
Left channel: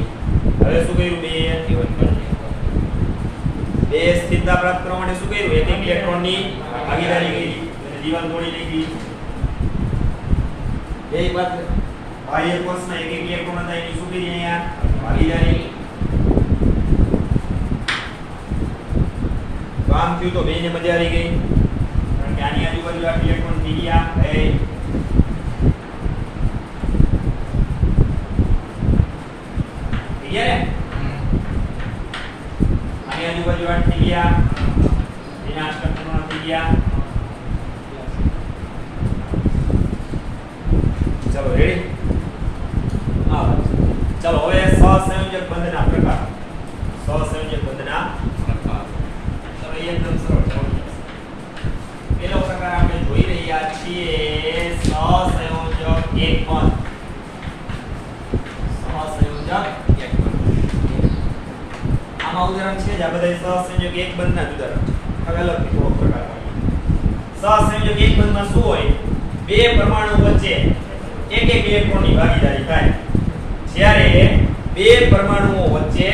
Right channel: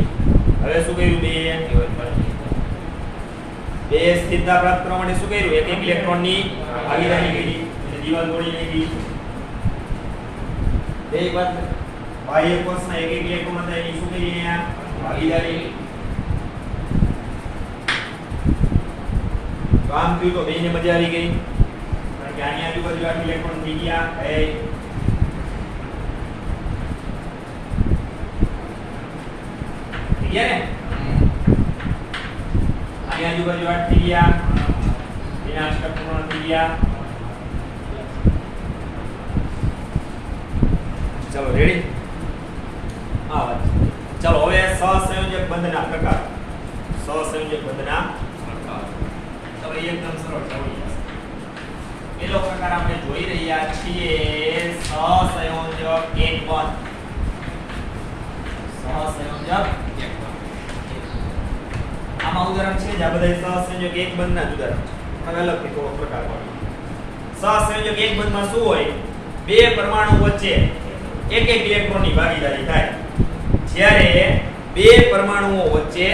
હવે શું કર્યું બે સ્થિરતા પ્રાપ્ત કરવા માટે શું કર્યું? એક ઇલેક્ટ્રોનની ભાગીદારી કરી અને દિવાલ તોડી નાખી. બે બાહ્ય કોષના એક ઇલેક્ટ્રોન હતા એની શું કરી અહીંયા ભાગીદારી. તો આમ થયું તો બેને મજા આવી ગઈ કારણ કે આની આજુબાજુ આ ઇલેક્ટ્રોન થઈ ગયા. આની આજુબાજુ આઠ થઈ ગયા, એના અષ્ટક પૂર્ણ થઈ ગયા. ચલો રેડી. હા ભાઈ ચલો હવે સહસંયોજક બંધના પ્રકાર. સહસંયોજક બંધના પ્રકાર ચલો એકદમ સરળ થઈ જશે. પેલો પ્રકાર આપણે જોઈ રહ્યા છીએ સહસંયોજક એક બંધ. સહસંયોજક એક બંધ. આમાં ઉદાહરણ છે જ આ બધા સહસંયોજક એક બંધના જ ઉદાહરણ છે. અલગથી થોડો પ્રકાર હોય. સહસંયોજક એક બંધમાં શું હોય? બે પરમાણુ વચ્ચે એક એક ઇલેક્ટ્રોનની ભાગીદારી થાય. જ્યારે બે પરમાણુઓ વચ્ચે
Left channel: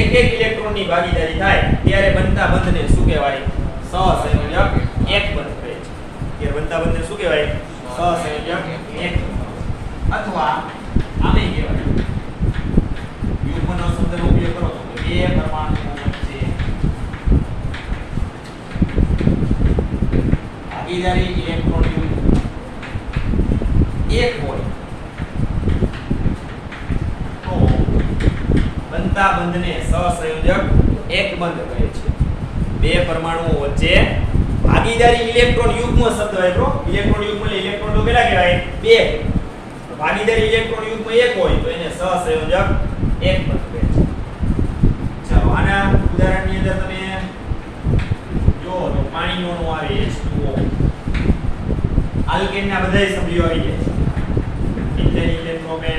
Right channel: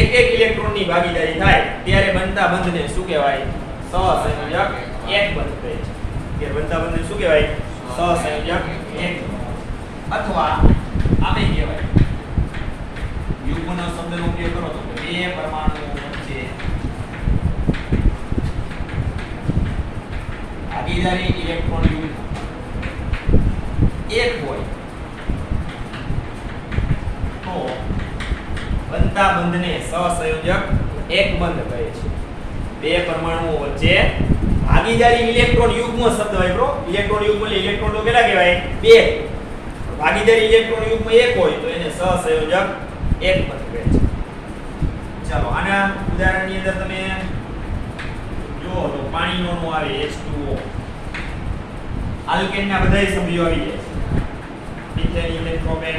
એક એક ઇલેક્ટ્રોનની ભાગીદારી થાય ત્યારે બનતા બંધને શું કહેવાય? સહસંયોજક એક બંધ કહે છે. કે બનતા બંધને શું કહેવાય? સહસંયોજક એક બંધ. અથવા આમે કહેવાય યુગ્મનો શબ્દનો ઉપયોગ કરો તો બે પરમાણુઓ વચ્ચે ભાગીદારી ઇલેક્ટ્રોન યુગ્મ એક હોય તો બનતા બંધને સહસંયોજક એક બંધ કહે છે. બે પરમાણુઓ વચ્ચે ભાગીદારી ઇલેક્ટ્રોન યુગ્મ શબ્દ હોય બ્રો. ઇલેક્ટ્રોન યુગ્મ એટલે ઇલેક્ટ્રોન તો કેટલા કહેવાય? બે. ભાગીદારી ઇલેક્ટ્રોન યુગ્મ એક હોય તો એને સહસંયોજક એક બંધ કહે છે. ચાલો આના ઉદાહરણની અંદર તમે જો તો પાણીનો નો આવે H2O. આલ્કેનના બધાય સભ્યો આવી જાય છે. Ethane, ethane, propane,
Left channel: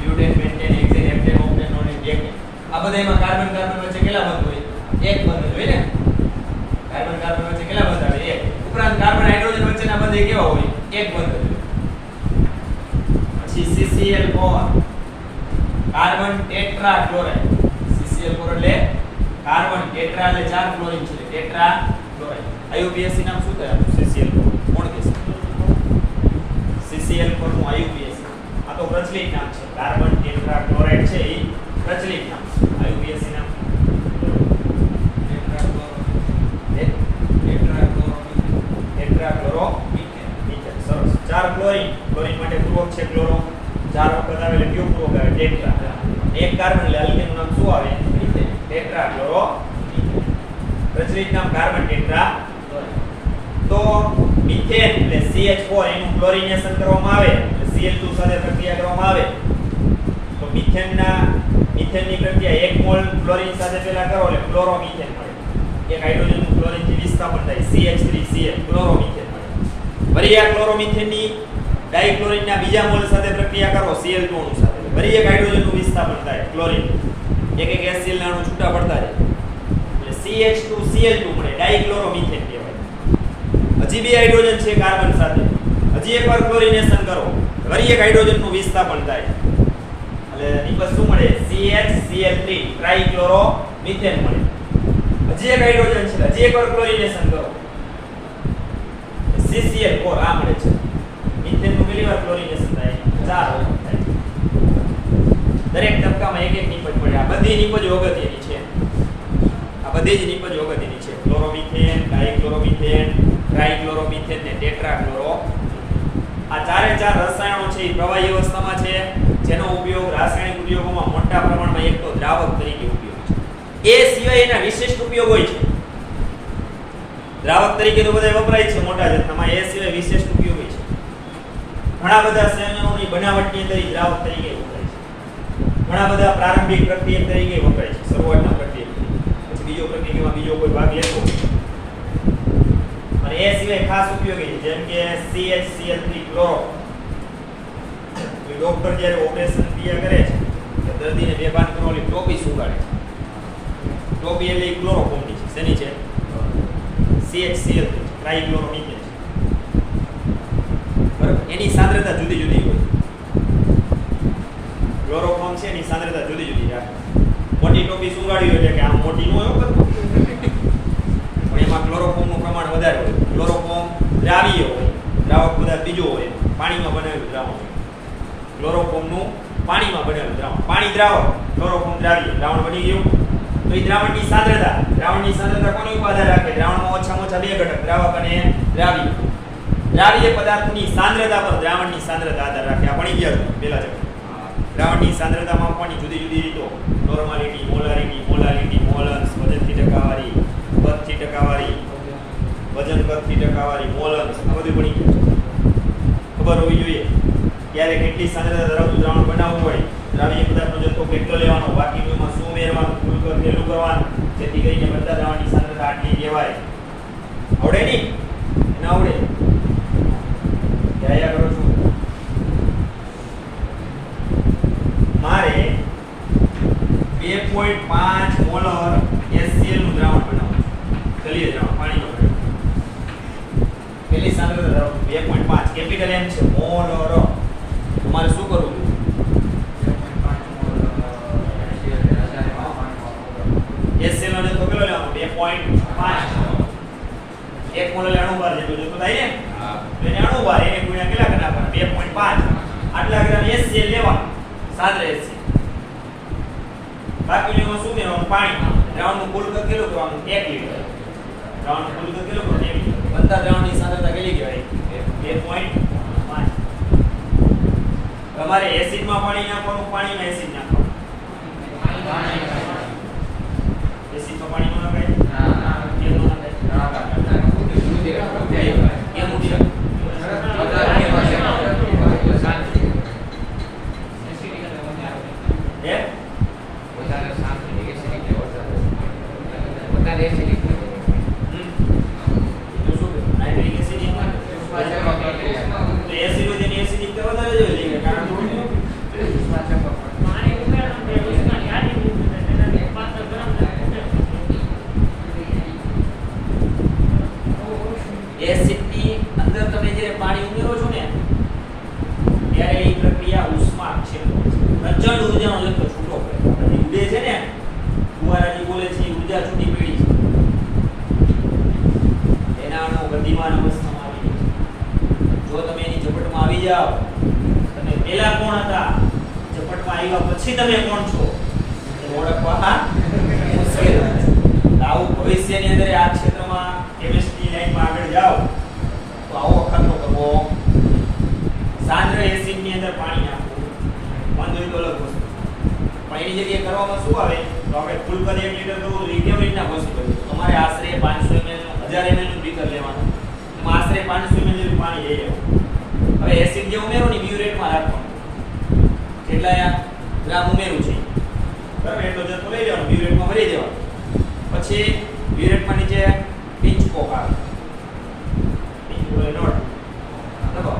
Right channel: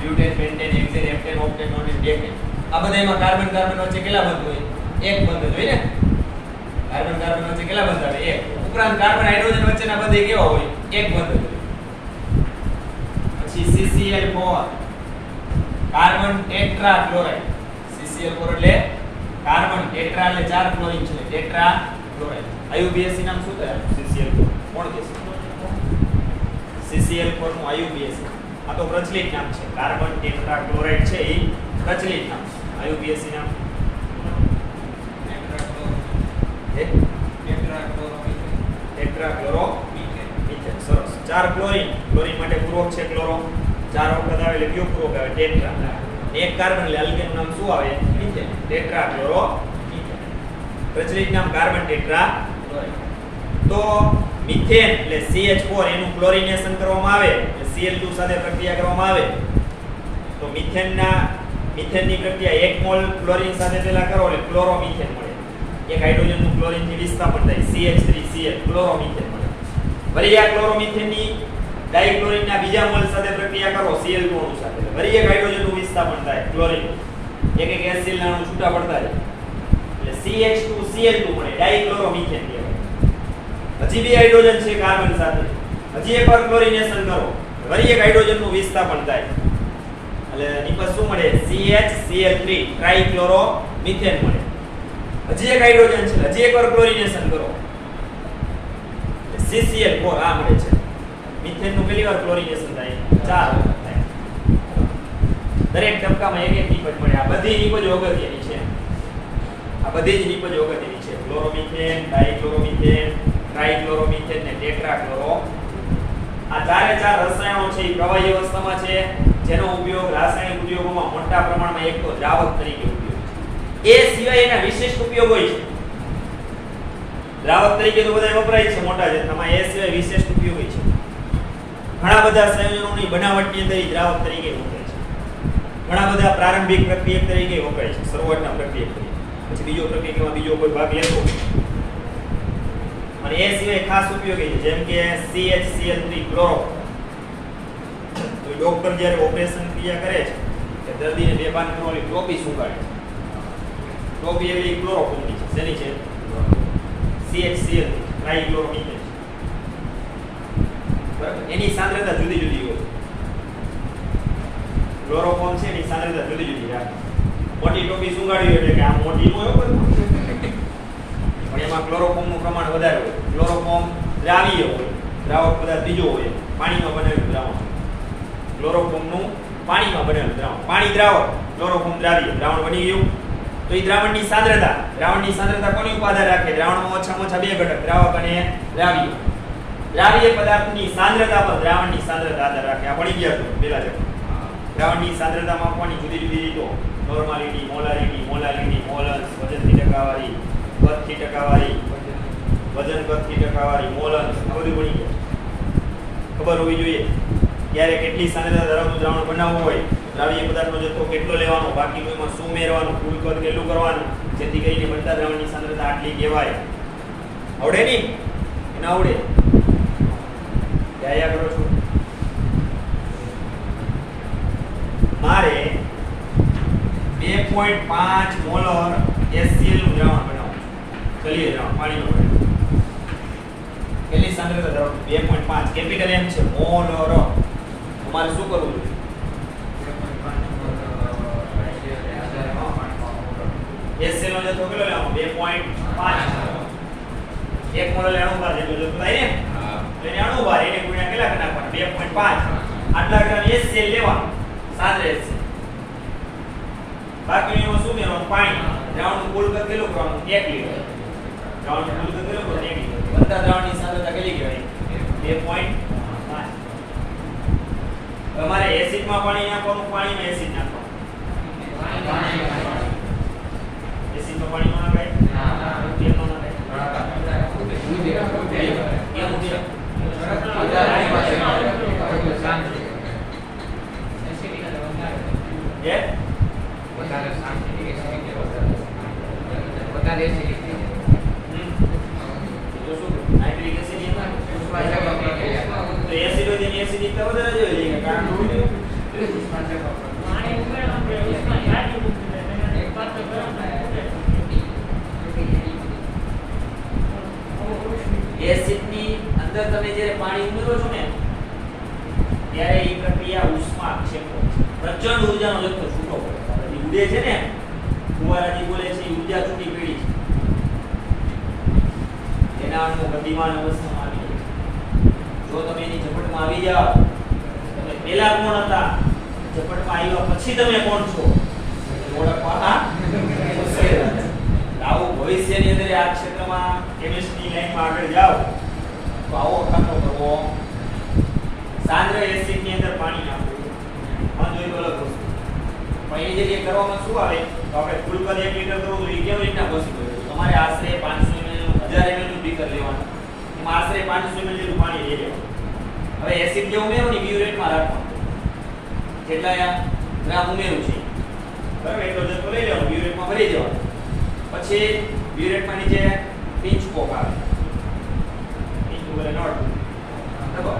butane, pentane, hexane, heptane, octane, nonane, decane. આ બધાયમાં કાર્બન કાર્બન વચ્ચે કેટલા બંધ હોય? એક બંધ હોય ને. કાર્બન કાર્બન વચ્ચે કેટલા બંધ આવે? એક. ઉપરાંત કાર્બન હાઇડ્રોજન વચ્ચેના બંધ કેવા હોય? એક બંધ હોય. પછી CCl4 carbon tetra chloride. CCl4 એટલે કાર્બન ટેટ્રા એટલે 4 ક્લોરીન છે. Tetra chloride. IUPAC નામ શું થાય? CCl4 કોણ કહેશે? CCl4 નું IUPAC આ તો પ્રચલિત નામ છે. કાર્બન ટેટ્રા ક્લોરાઇડ છે એ પ્રચલિત નામ છે. IUPAC નામ ટેટ્રા ક્લોરો મિથેન. સરસ. 4 ક્લોરીન. ક્લોરીન માટે પૂરક છે ક્લોરો. 4 વખત આવે એટલે કયો પૂરક આવે? ટેટ્રા. એક કાર્બન એટલે આલ્કેનનું નામ શું આવે? મિથેન. Tetra chloro methane. પ્રચલિત નામ કાર્બન ટેટ્રા ક્લોરાઇડ. તો મિથેન એટલે CH4 એનું ક્લોરીનેશન કરવામાં આવે એટલે Cl2 સાથે પ્રક્રિયા કરવામાં આવે તો મિથેનની પ્રક્રિયા 1 મોલ ક્લોરીન સાથે પહેલા કરો એટલે ક્લોરોમિથેન મળે. એક હાઇડ્રોજનનું ક્લોરીનથી વિસ્થાપન થાય CH3Cl ક્લોરોમિથેન મળે. વળી આ ક્લોરોમિથેનની ડાઇક્લોરીનના બીજા મોલ સાથે પ્રક્રિયા કરો Cl2 અણુ સાથે વળી એક હાઇડ્રોજનનું વિસ્થાપન થાય ક્લોરીન. એક એક HCl ના અણુ છૂટા પડતા જાય એટલે CH2Cl2 મળે. ડાઇક્લોરોમિથેન કહેવાય. હજી બે હાઇડ્રોજન છે કાર્બન સાથે. હજી એકવાર ક્લોરીનેશન કરો વળી એક હાઇડ્રોજનનું વિસ્થાપન થાય એટલે નિપજ શું મળે? CHCl3 ટ્રાઇક્લોરોમિથેન મળે. હજી એક હાઇડ્રોજન છે હજી એકવાર ક્લોરીનેશન કરો CCl4 આ મળે છે. મિથેનનું કેટલી વાર ક્લોરીનેશન થાય? 4 વખત થાય. દરેક ટપકામાં એક એક નિપજ મળે. આ બધી નિપજ અગત્યની છે. આ બધી જ નિપજ અગત્યની છે. ક્લોરોમિથેન, ડાઇક્લોરોમિથેન, ટ્રાઇક્લોરોમિથેન ને ટેટ્રાક્લોરો. આ ચારે ચાર રસાયણો છે એ પ્રવાહી અવસ્થામાં છે જેનો ઉપયોગ રાસાયણિક ઉદ્યોગોમાં મોટા પ્રમાણમાં એક તો દ્રાવક તરીકે ઉપયોગ છે. એ સિવાય એના વિશિષ્ટ ઉપયોગ હોય છે. દ્રાવક તરીકે તો બધા વપરાય છે મોટા જથ્થામાં. એ સિવાય વિશિષ્ટ ઉપયોગ હોય છે. ઘણા બધા સંયોજનોની બનાવટની અંદર દ્રાવક તરીકે વપરાય છે. ઘણા બધા પ્રારંભિક પ્રક્રિયક તરીકે વપરાય છે. શરૂઆતના પ્રક્રિયક તરીકે. પછી બીજો પ્રક્રિયામાં બીજો કોઈ ભાગ લેવો અને એ સિવાય ખાસ ઉપયોગી છે જેમ કે CHCl3 ક્લોરો. કોઈ ડોક્ટર જ્યારે ઓપરેશન ક્રિયા કરે છે તો દર્દીને બેભાન કરવાની ટોપી સુંઘાડે છે. પ્રોપિયલી ક્લોરોફોર્મની છે. શેની છે? CHCl ટ્રાઇક્લોરોમિથેન. બરાબર, એની સાંદ્રતા જુદી જુદી હોય. ક્લોરોફોર્મ છે એની સાંદ્રતા જુદી જુદી હોય. મોટી ટોપી સુંગાડ્યું એટલે કે આ મોટી હોય બરાબર, પણ એમાં ક્લોરોફોર્મનું પ્રમાણ વધારે હોય. ક્લોરોફોર્મ દ્રાવ્ય હોય, દ્રાવક પદાર્થ બીજો હોય, પાણીમાં બનાવેલું દ્રાવણ. ક્લોરોફોર્મનું પાણીમાં બનેલું દ્રાવણ, પાણી દ્રાવક, ક્લોરોફોર્મ દ્રાવ્ય. દ્રાવણ બની ગયું તો એ દ્રાવણની સાંદ્રતા કોની ઉપર આધાર રાખે? દ્રાવણમાં ઓછામાં ઓછા બે ઘટક, દ્રાવક અને દ્રાવ્ય. દ્રાવ્ય પદાર્થની સાંદ્રતા પર દ્રાવણની સાંદ્રતા આધાર રાખે. આ ભણી ગયા પેલા છે. દ્રાવણની સાંદ્રતા માપવાની જુદી જુદી રીતો: નોર્માલિટી, મોલારિટી, મોલન્સ, વજનથી ટકાવારી, કદથી ટકાવારી, વજન કદથી ટકાવારી, મોલન્સ. આ બધું ભણી ગયું. ખબર હોવી જોઈએ ત્યારે કેટલી સાંદ્રતા ધરાવતું દ્રાવણ બનાવવું હોય, દ્રાવ્ય પદાર્થનો જથ્થો કેટલો લેવાનો, બાકીનું એમાં શું ઉમેરવાનું, કુલ કદ કેટલું કરવાનું, જેથી કરીને બધા દ્રાવણની સાંદ્રતા આટલી કહેવાય. આવડે નહીં? એને આવડે ધ્યાયા કરો છો. મારે 2.5 મોલર HCl નું દ્રાવણ બનાવવું છે. જલીય દ્રાવણ પાણીમાં. કેટલી સાંદ્રતા ધરાવતું? 2.5. કેપિટલ M છે, મોલર. તમારે શું કરવું છે? 2.5 HCl નો જથ્થો કેટલો લેવાનો? 2.5. 1 મોલ અણુભાર જેટલો જથ્થો થાય ને? હા. તો એને અણુભાર એને ગુણ્યા કેટલા કરવાના? 2.5. આટલા ગ્રામ HCl લેવાનું. સાંદ્ર HCl. બાકીનું શું મેળવવાનું? પાણી. દ્રાવણનું કુલ કદ કેટલું કરવાનું? 1 લિટર. દ્રાવણનું કુલ કદ કેટલું કરવાનું? 1 લિટર. બધા દ્રાવણની સાંદ્રતા કેટલી કહેવાય? 2.5. તમારે એસિડમાં પાણી નાખવાનું, પાણીમાં એસિડ નાખવાનું. એસિડમાં પાણી ન નાખાય? કેમ ન નાખાય? કેમ ઉઠી? વધારે શાંતિ એસિડિક વધારે એસિડિક તો શું નાઇટ્રિક એસિડ તો એસિડ હોય તેની એસિડિકતા વધારે જ હોય છે. કારણ શું છે? પાણી ઉમેરવાનું ઉષ્મા યાદી મૂકીને એને પાત્ર ગરમ થાય. એસિડની અંદર તમે જ્યારે પાણી ઉમેરો છો ને ત્યારે એ પ્રક્રિયા ઉષ્માક્ષેપણ છે. પ્રચંડ ઊર્જાનો જથ્થો છૂટો પડે. ઉડે છે ને ફુવારાથી બોલે છે, ઊર્જા છૂટી પડી છે. એના અણુ ગતિમાન અવસ્થામાં આવી જાય. જો તમે એની ઝપટમાં આવી જાઓ, તમે પહેલા કોણ હતા, ઝપટમાં આવ્યા પછી તમે કોણ છો એ ઓળખવા મુશ્કેલ છે. આવું ભવિષ્યની અંદર આ ક્ષેત્રમાં કેમિસ્ટ્રી લાઈનમાં આગળ જાઓ તો આવો કામો કરવો. સાંદ્ર એસિડની અંદર પાણી નાખવું બંધ હોય તો અલગ વસ્તુ, પણ એની જગ્યાએ કરવામાં શું આવે તો આપણે કુલ કદ 1 લિટર તો કેવી રીતના પોસિબલ? તમારે આશરે 500 ml નું 1000 ml નું બીકર લેવાનું, એમાં આશરે 500 ml જેટલું પાણી લઈ લેવાનું. હવે એસિડ જે ઉમેરો ને બ્યુરેટમાં રાખવાનું, જેટલા ગ્રામ ઉમેરું છે બરાબર એટલો જથ્થો લઈ લેવાનો, બ્યુરેટમાં ભરી દેવાનો. પછી બ્યુરેટમાં નીચે પિંચ કોક આવે, પિંચ કોક એટલે બરાબર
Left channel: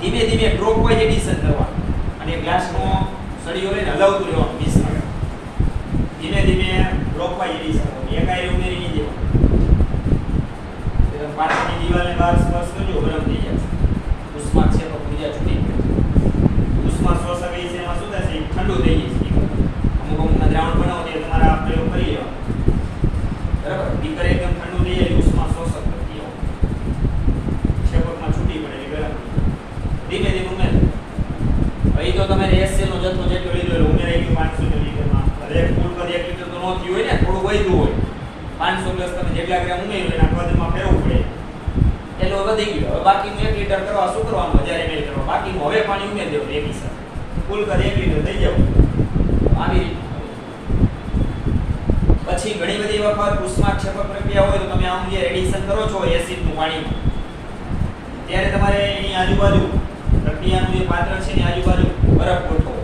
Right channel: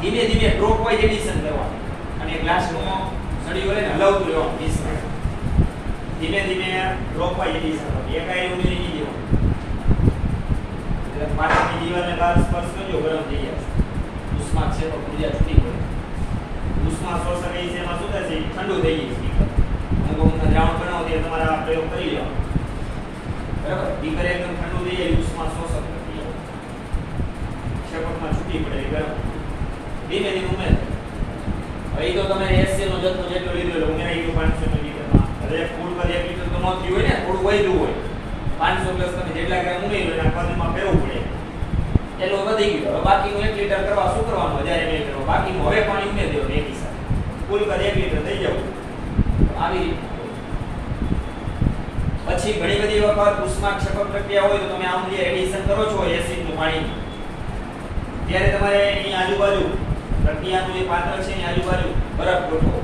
ધીમે ધીમે ડ્રોપ વાઇઝ એડિશન કરવાનું અને ગ્લાસનો સળીઓ લઈને હલાવતું રહેવાનું 20 મિનિટ. ધીમે ધીમે ડ્રોપ વાઇઝ એડિશન કરવાનું, એકાએક ઉમેરી નહીં દેવાનું. એટલે પાછળની દિવાલને બહાર સ્પર્શ કરજો, ગરમ થઈ જશે. ઉષ્માક્ષેપક ઊર્જા છૂટી પડે. ઉષ્મા શોષક છે એમાં શું થશે? ઠંડુ થઈ જશે. અમુક દ્રાવણ બનાવો તે તમારા પ્રયોગ કરી લેવાનો બરાબર. બીકર એકદમ ઠંડુ થઈ જાય, ઉષ્મા શોષક થઈ જાય, ક્ષેપકમાં છૂટી પડે ગરમ. ધીમે ધીમે ઉમેરો. ભાઈ તો તમે HCl નો જથ્થો જેટલો લીધો એટલે ઉમેરાઈ ગયો 500 મિલીલીટરમાં. હવે ફૂલ પર 1 લિટર તો ન થયું હોય ને, થોડું વધ્યું હોય. 500 પ્લસ તમે જેટલા ગ્રામ ઉમેર્યું એના કદમાં ફેરવવું પડે. એટલો વધી ગયો. હવે બાકીનું 1 લિટર કરવા શું કરવાનું? 1000 ml કરવા. બાકીનું હવે પાણી ઉમેરી દેવું એકી સાથે. ફૂલ કદ 1 લિટર થઈ જવું. આવી રીતે પછી ઘણી બધી વખત ઉષ્માક્ષેપક પ્રક્રિયા હોય તો તમે આમ જે એડિશન કરો છો એસિડનું પાણી, ત્યારે તમારે એની આજુબાજુ પ્રક્રિયાનું જે પાત્ર છે એની આજુબાજુ બરફ ગોઠવો.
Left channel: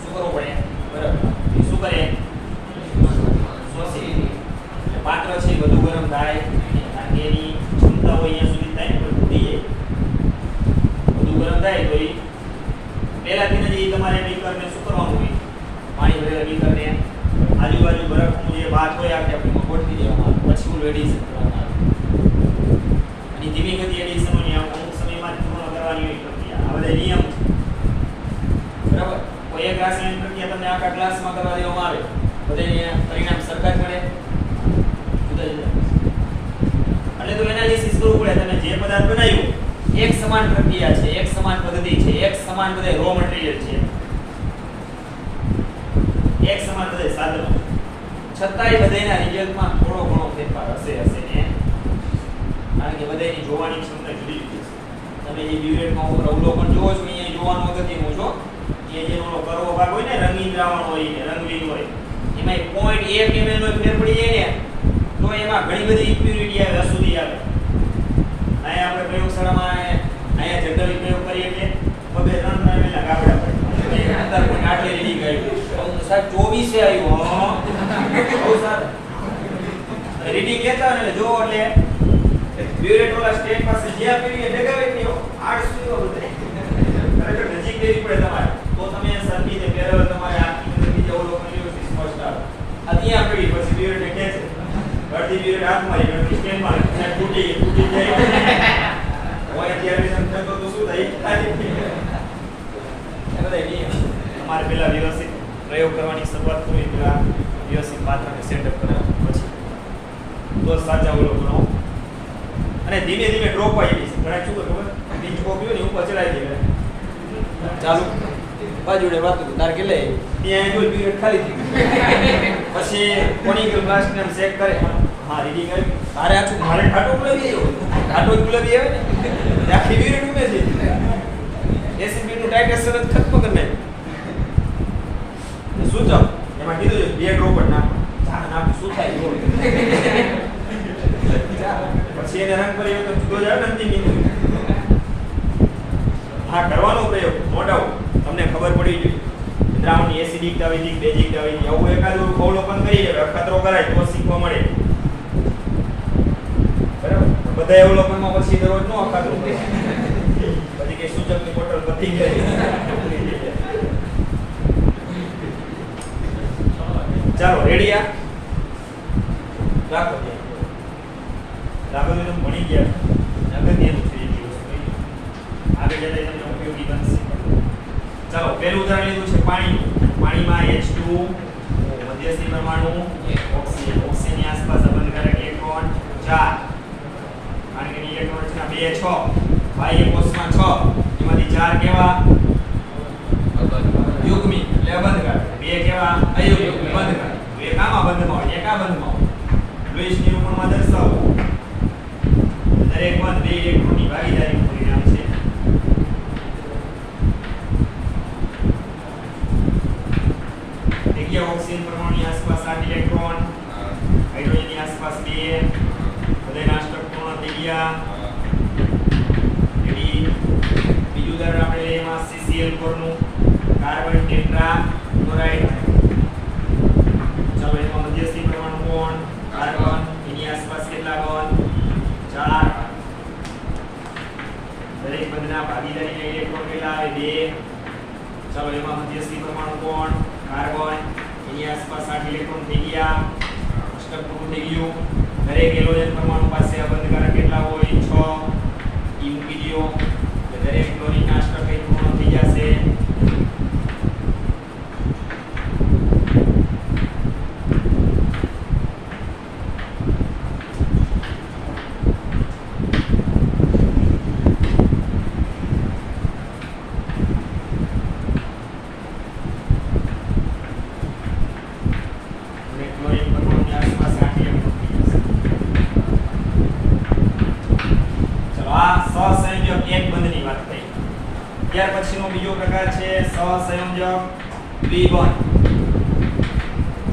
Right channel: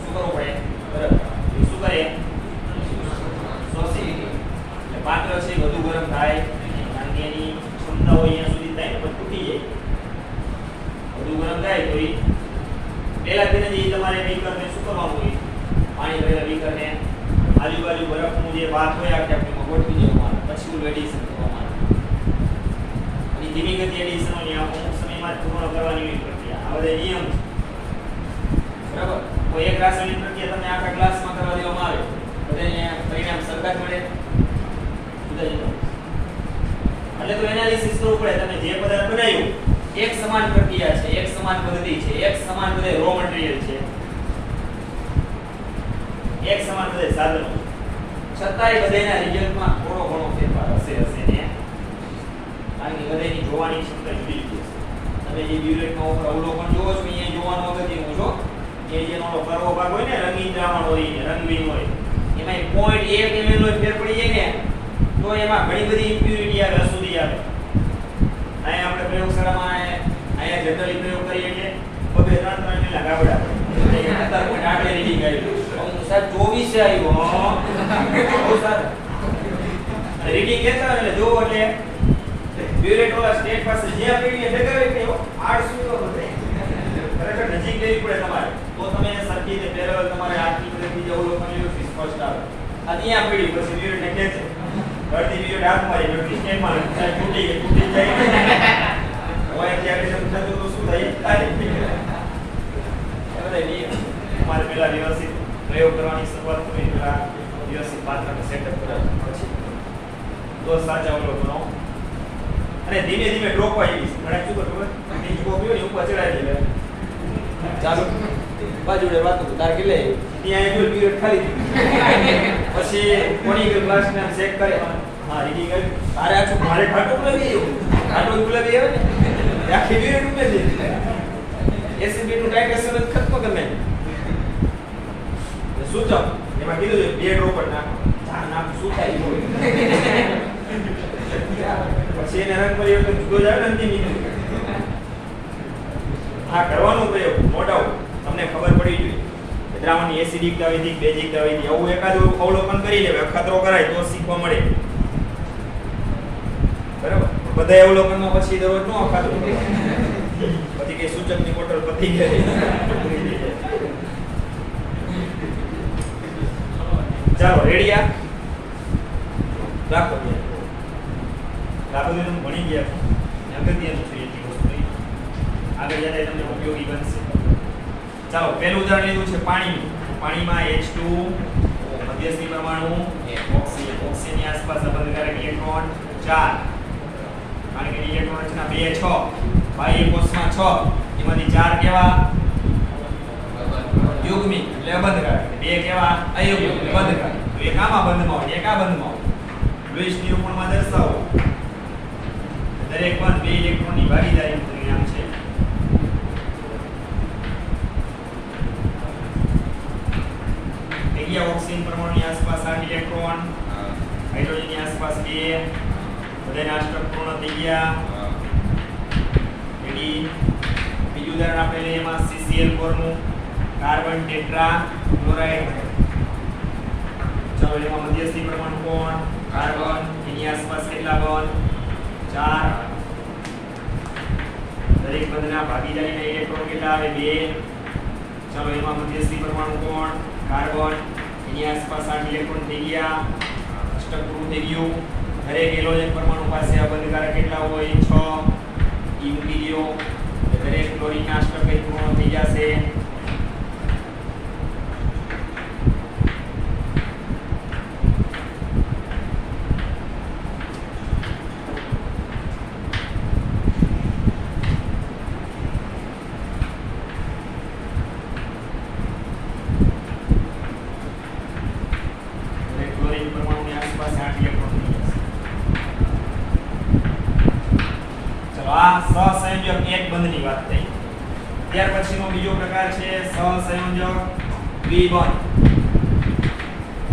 શું કરવું પડે? બરફ. શું કરે? શોષી લીધી. એટલે પાત્ર છે વધુ ગરમ થાય, કારણ કે એની ક્ષમતા હોય અહીંયા સુધી થાય ને પણ તૂટી જાય. વધુ ગરમ થાય તો એ પહેલાથી જ તમારે બીકરને શું કરવાનું હોય? પાણી ભરેલા બીકરને આજુબાજુ બરફનું જે ધીમી ગતિ એડિશન ની અમુક સમયમાં જ પૂર્ણ કરવાની એવી પ્રક્રિયા. આ બધા નિયમ છે. બરાબર. તો એક રાસાયણિક પ્રક્રિયા તમને આખા ક્લાસમાં કરવા દેવામાં આવે બધાને પરિણામ સરખા જ મળે જુદા જુદા. એટલે તો એનાલિસિસ કરવું પડે. તમે જે પદાર્થ બનાવ્યું એક સમાન પ્રક્રિયા છે, એક સમાન પદ્ધતિ છે, એક સમાન બધે રો મટીરીયલ છે, એક સમાન બધે સાધનો, છતાંય બધાના રિઝલ્ટમાં થોડો ઘણો ફેરફાર હશે ને. કારણ કે બધાની જોવાની ક્ષમતા જુદી જુદી છે. તમે જે બ્યુરેટમાં ઉપર અવલોકન જોવો છો અહીંયા જોવાનું અગત્યનું છો કે જેનો કરવો ભાગ હોય ને રંગીન દ્રાવણ હોય ને રંગીન હોય એમાં 0.1 ml નો ફેર પડી જાય ને તો એમાં ઘણી બધી ઇમ્પ્યુરિટી આવે, અશુદ્ધિ આવે. અહીંયા આપણે પ્રયોગશાળામાં અહીંયા જનરલી પ્રયોગ કરીએ કે બબે 3 ml ના ગાબડા પડે અંદર કોઈ આટલે રીડિંગ આવ્યું તો સાહેબ 24 આવ્યું. બહુ સારું રીડિંગ લેતા હોય એટલે જોવો એટલે બ્યુરેટ વાળા સ્ટેટ પાસે જ્યાં પીડીએ ડગાવે કે 800 તો બધે ખરેખર નજીક જઈ પડે તમારે તો તમે સરખી રીતે પેરેલલ તમારે આખી બધી અવલોકન લેવું સ્પષ્ટ આવે. આ ત્યાં પીડી પછી બ્યુરેટને ખેંચે અડધી બ્યુરેટ હાથ મારી અડધી સ્ટેન્ડ મારે તૂટી જાય હોય ત્યારે તમે થતો તો શું થાય તમારે પેલા વ્યવસ્થિત પ્રયોગ કરવાની શરૂઆત કરવી, પેલા વ્યવસ્થિત પાત્રને સેટઅપ કરાવવું પછી તો સાચા અવલોકનો. અને ધીમે ધીમે ડ્રોપ આવી ગઈ છે. ઘણા શું ખબર બીજ કોપીઓ ની ઉપર ચડાવી દે ચાલુ બાજુડે વાતો તાર કે લે ત્યાં એન્યુઅલ પીરિયડ ખાલી થઈ પછી કોનિકલ બ્લાસ્ટ ને ચેક કરે. હા રીડિંગ આવી તારે આછું મારે ખાટો ગુલાબી આવે ને આખી પીરિયડ ઉમે છે એસિડિટી નું ટાઇટ્રેશન ખતમ કરી નાખ શું જાવ એમાં કીધું છે 2 ડ્રોપ ના શું થાય પછી એને રંગ પરિવર્તન જુદો જ આવે ને અંતિમ બિંદુ. હા કરવાનો પ્રયોગ નો ડાઉટ તમને ખબર પડી જોઈએ દ્રાવણની એસિડિકતા વિધિ બેઝિકતા વિધિ આવું એકાદું અવલોકન કરી લે અખાતરો કરાય તો શીખવા મળે. બરાબર. બધા અવલોકનમાં પછી દરરોજ નો અખાતરો પછી કે સૂચકની બોટલ પતી ગઈ. ચાલો રેડિયા રાખો દાખલો ભણી ગયા અગત્યનું છે એ વસ્તુ આગળ જતા તમને ઉપયોગી બનશે. ચાલો પહેલું ઉદાહરણ લીધું છે પાણીનું. પાણીમાં H2 મધ્યસ્થી પરમાણુ ઓક્સિજન, ઓક્સિજનની આસપાસ અબંધકારક ઇલેક્ટ્રોન 4 કારણ કે ઇલેક્ટ્રોન રચના 2 6 બાહ્ય કોષમાં 6 એમાંથી 4 કેવા યુગ્મી એટલે અબંધકારક, 2 કેવા અયુગ્મી અબંધકારક. તો એક આમાં બંધમાં હોય એક આ બંધમાં હોય. લુઈસ નિરૂપણમાં દર્શાવો દરેક બંધ 2 ઇલેક્ટ્રોનની ભાગીદારીનું પરિણામ છે. ઓક્સિજન પરમાણુની આસપાસ 8 ઇલેક્ટ્રોન, હાઇડ્રોજનની આસપાસ 2, બધાના અષ્ટક પૂર્ણ થઈ ગયા. રેડી. બીજું ઉદાહરણ આપણે એમાં CCl4 નું કાર્બન ટેટ્રા ક્લોરાઇડ. ચલો એમાં મધ્યસ્થી પરમાણુ કોણ કાર્બન, એની આસપાસ કેટલા બંધ 4. દરેક બંધના ભાગીદારીના ઇલેક્ટ્રોન કેટલા આવે 2. ચલો એમાં મધ્યસ્થી પરમાણુ કોણ કાર્બન, એની આસપાસ 8 ઇલેક્ટ્રોન થઈ ગયા. અષ્ટક પૂરું થઈ ગયું. દરેક હેલોજન પરમાણુ પાસે અબંધકારક કેટલા હોય 6. ઈ મૂકી દો એટલે દરેક ક્લોરીનના અષ્ટક પૂર્ણ થઈ જશે. ત્યાર પછીનો બીજો પ્રકાર છે સહસંયોજક દ્વિબંધ.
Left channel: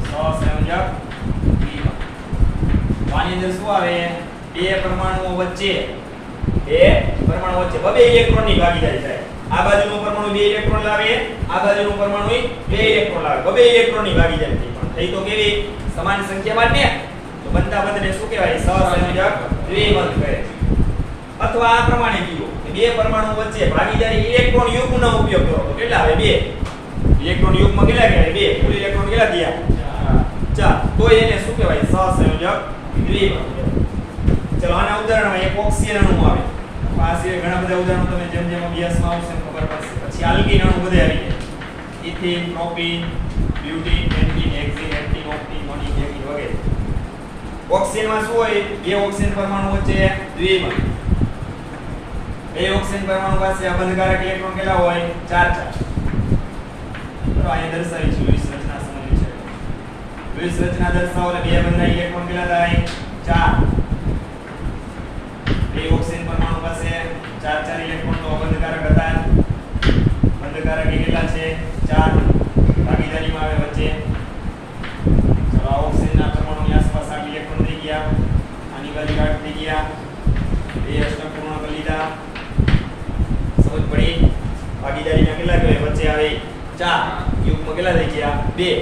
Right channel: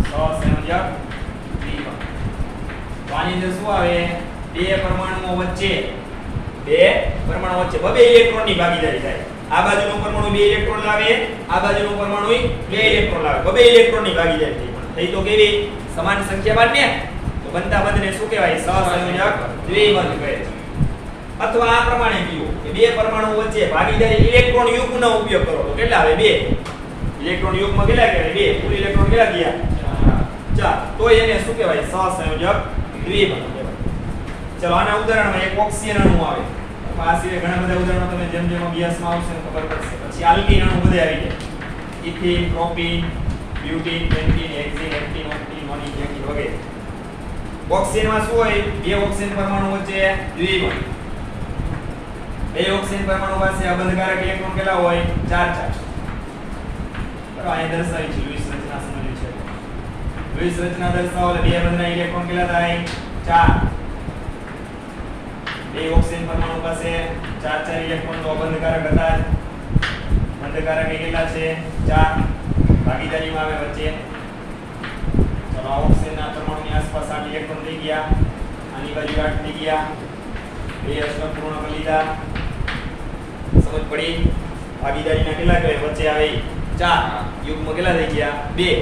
સહસંયોજક દ્વિબંધ. આની અંદર શું આવે 2 પરમાણુઓ વચ્ચે બે ઇલેક્ટ્રોનની ભાગીદારી થાય. આ બાજુનો પરમાણુ 2 ઇલેક્ટ્રોન લાવે, આ બાજુનો પરમાણુ 2 ઇલેક્ટ્રોન લાવે. બે ઇલેક્ટ્રોનની ભાગીદારી થઈ તો કેવી સમાન સંખ્યાવાન ને તો બનતા બંધને શું કહેવાય સહસંયોજક દ્વિબંધ કહે છે. અથવા આ પ્રમાણે કીધું કે 2 પરમાણુ વચ્ચે ભાગીદારી ઇલેક્ટ્રોન યુગ્મનો ઉપયોગ કરો તો કેટલા આવે 2 ઇલેક્ટ્રોન યુગ્મ કેટલા કહેવાય 2 કુલ ઇલેક્ટ્રોન કેટલા થયા 4 તો એને શું કહેવાય સહસંયોજક દ્વિબંધ. ચલો આના ઉદાહરણમાં એક ઓક્સિજન અણુ આવે. આ સિવાય ઘણા બધા ઉદાહરણો તમે જેમ જેમ અભ્યાસમાં આવશે એમ ખબર પડશે. પછી આલ્કીન અણુ બધે આવી જાય. ઇથિન, પ્રોપીન, બ્યુટીન, પેન્ટીન, હેક્સીન, હેપ્ટીન, ઓક્ટીન, મોનિન, હેક્સીન વગેરે. ઓક્સિજનમાં શું હોય? બે ઓક્સિજન પરમાણુ વચ્ચે દ્વિબંધ. બે ઓક્સિજન પરમાણુ પાસે અબંધકારક ઇલેક્ટ્રોન કેટલા હોય? 4 બરાબર. અહીંયા દર્શાવી છે લુઈસ રચના સંબંધિત છે. લુઈસ રચના દર્શાવો એટલે બે બંધના ઇલેક્ટ્રોન કેટલા થાય? 4. બે ઓક્સિજન પરમાણુ પાસે 4 ઇલેક્ટ્રોન તો અબંધકારક હતા. બંધકારક કેટલા છે? 4. ભાગીદારીમાં આવે વચ્ચે. ચલો આ ઓક્સિજનના પરમાણુની આસપાસ 8 ઇલેક્ટ્રોન થઈ ગયા. આની બાજુ 8 થઈ ગયા. બે અષ્ટક પૂર્ણ કરી લીધા. સમજ પડી? ભાગીદારીના કેટલા કહેવાય? વચ્ચે આવે 4. યુગ્મ કેટલા થઈ ગયા? 2.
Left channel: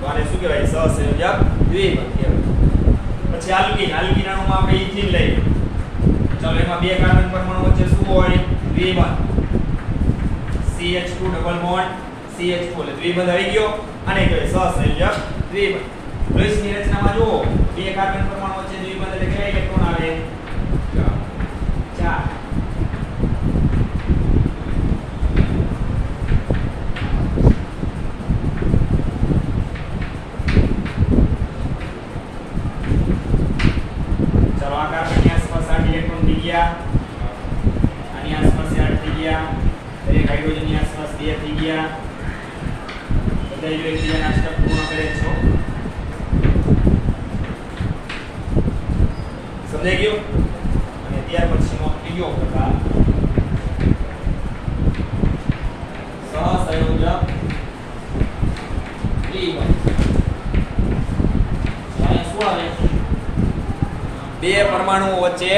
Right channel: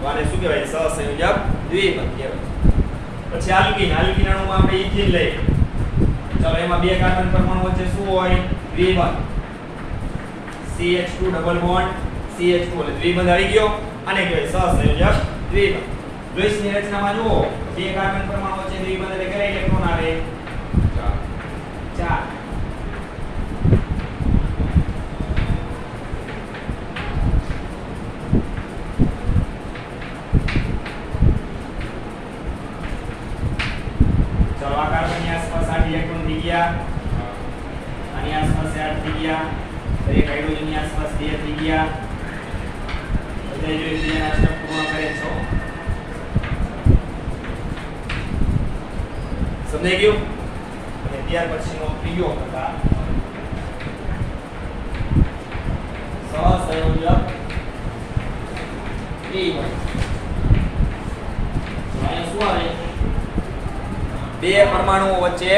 તો આને શું કહેવાય? સહસંયોજક દ્વિબંધ કહેવાય. પછી આલ્કીન. આલ્કીન અણુમાં આપણે ઇથિન લઈએ. ચલો એમાં બે કાર્બન પરમાણુ વચ્ચે શું હોય? દ્વિબંધ. CH2 ડબલ બોન્ડ CH2 એટલે દ્વિબંધ આવી ગયો અને કહેવાય સહસંયોજક દ્વિબંધ. લુઈસની રચનામાં જુઓ બે કાર્બન પરમાણુ વચ્ચે દ્વિબંધ એટલે કેટલા ઇલેક્ટ્રોન આવે? 4. ચલો આ કાર્બનની આસપાસ 8 ઇલેક્ટ્રોન થઈ ગયા. આની આસપાસ 8 થઈ ગયા. દરેક હાઇડ્રોજનની આસપાસ 2 થઈ ગયા. બધા જો એકબીજાના અષ્ટક પૂર્ણ કરે છો. સમજાઈ ગયું? અને ત્યાર પછીનો ત્રીજો પ્રકાર સહસંયોજક દ્વિબંધ. અહીંયા શું આવે? બે પરમાણુઓ વચ્ચે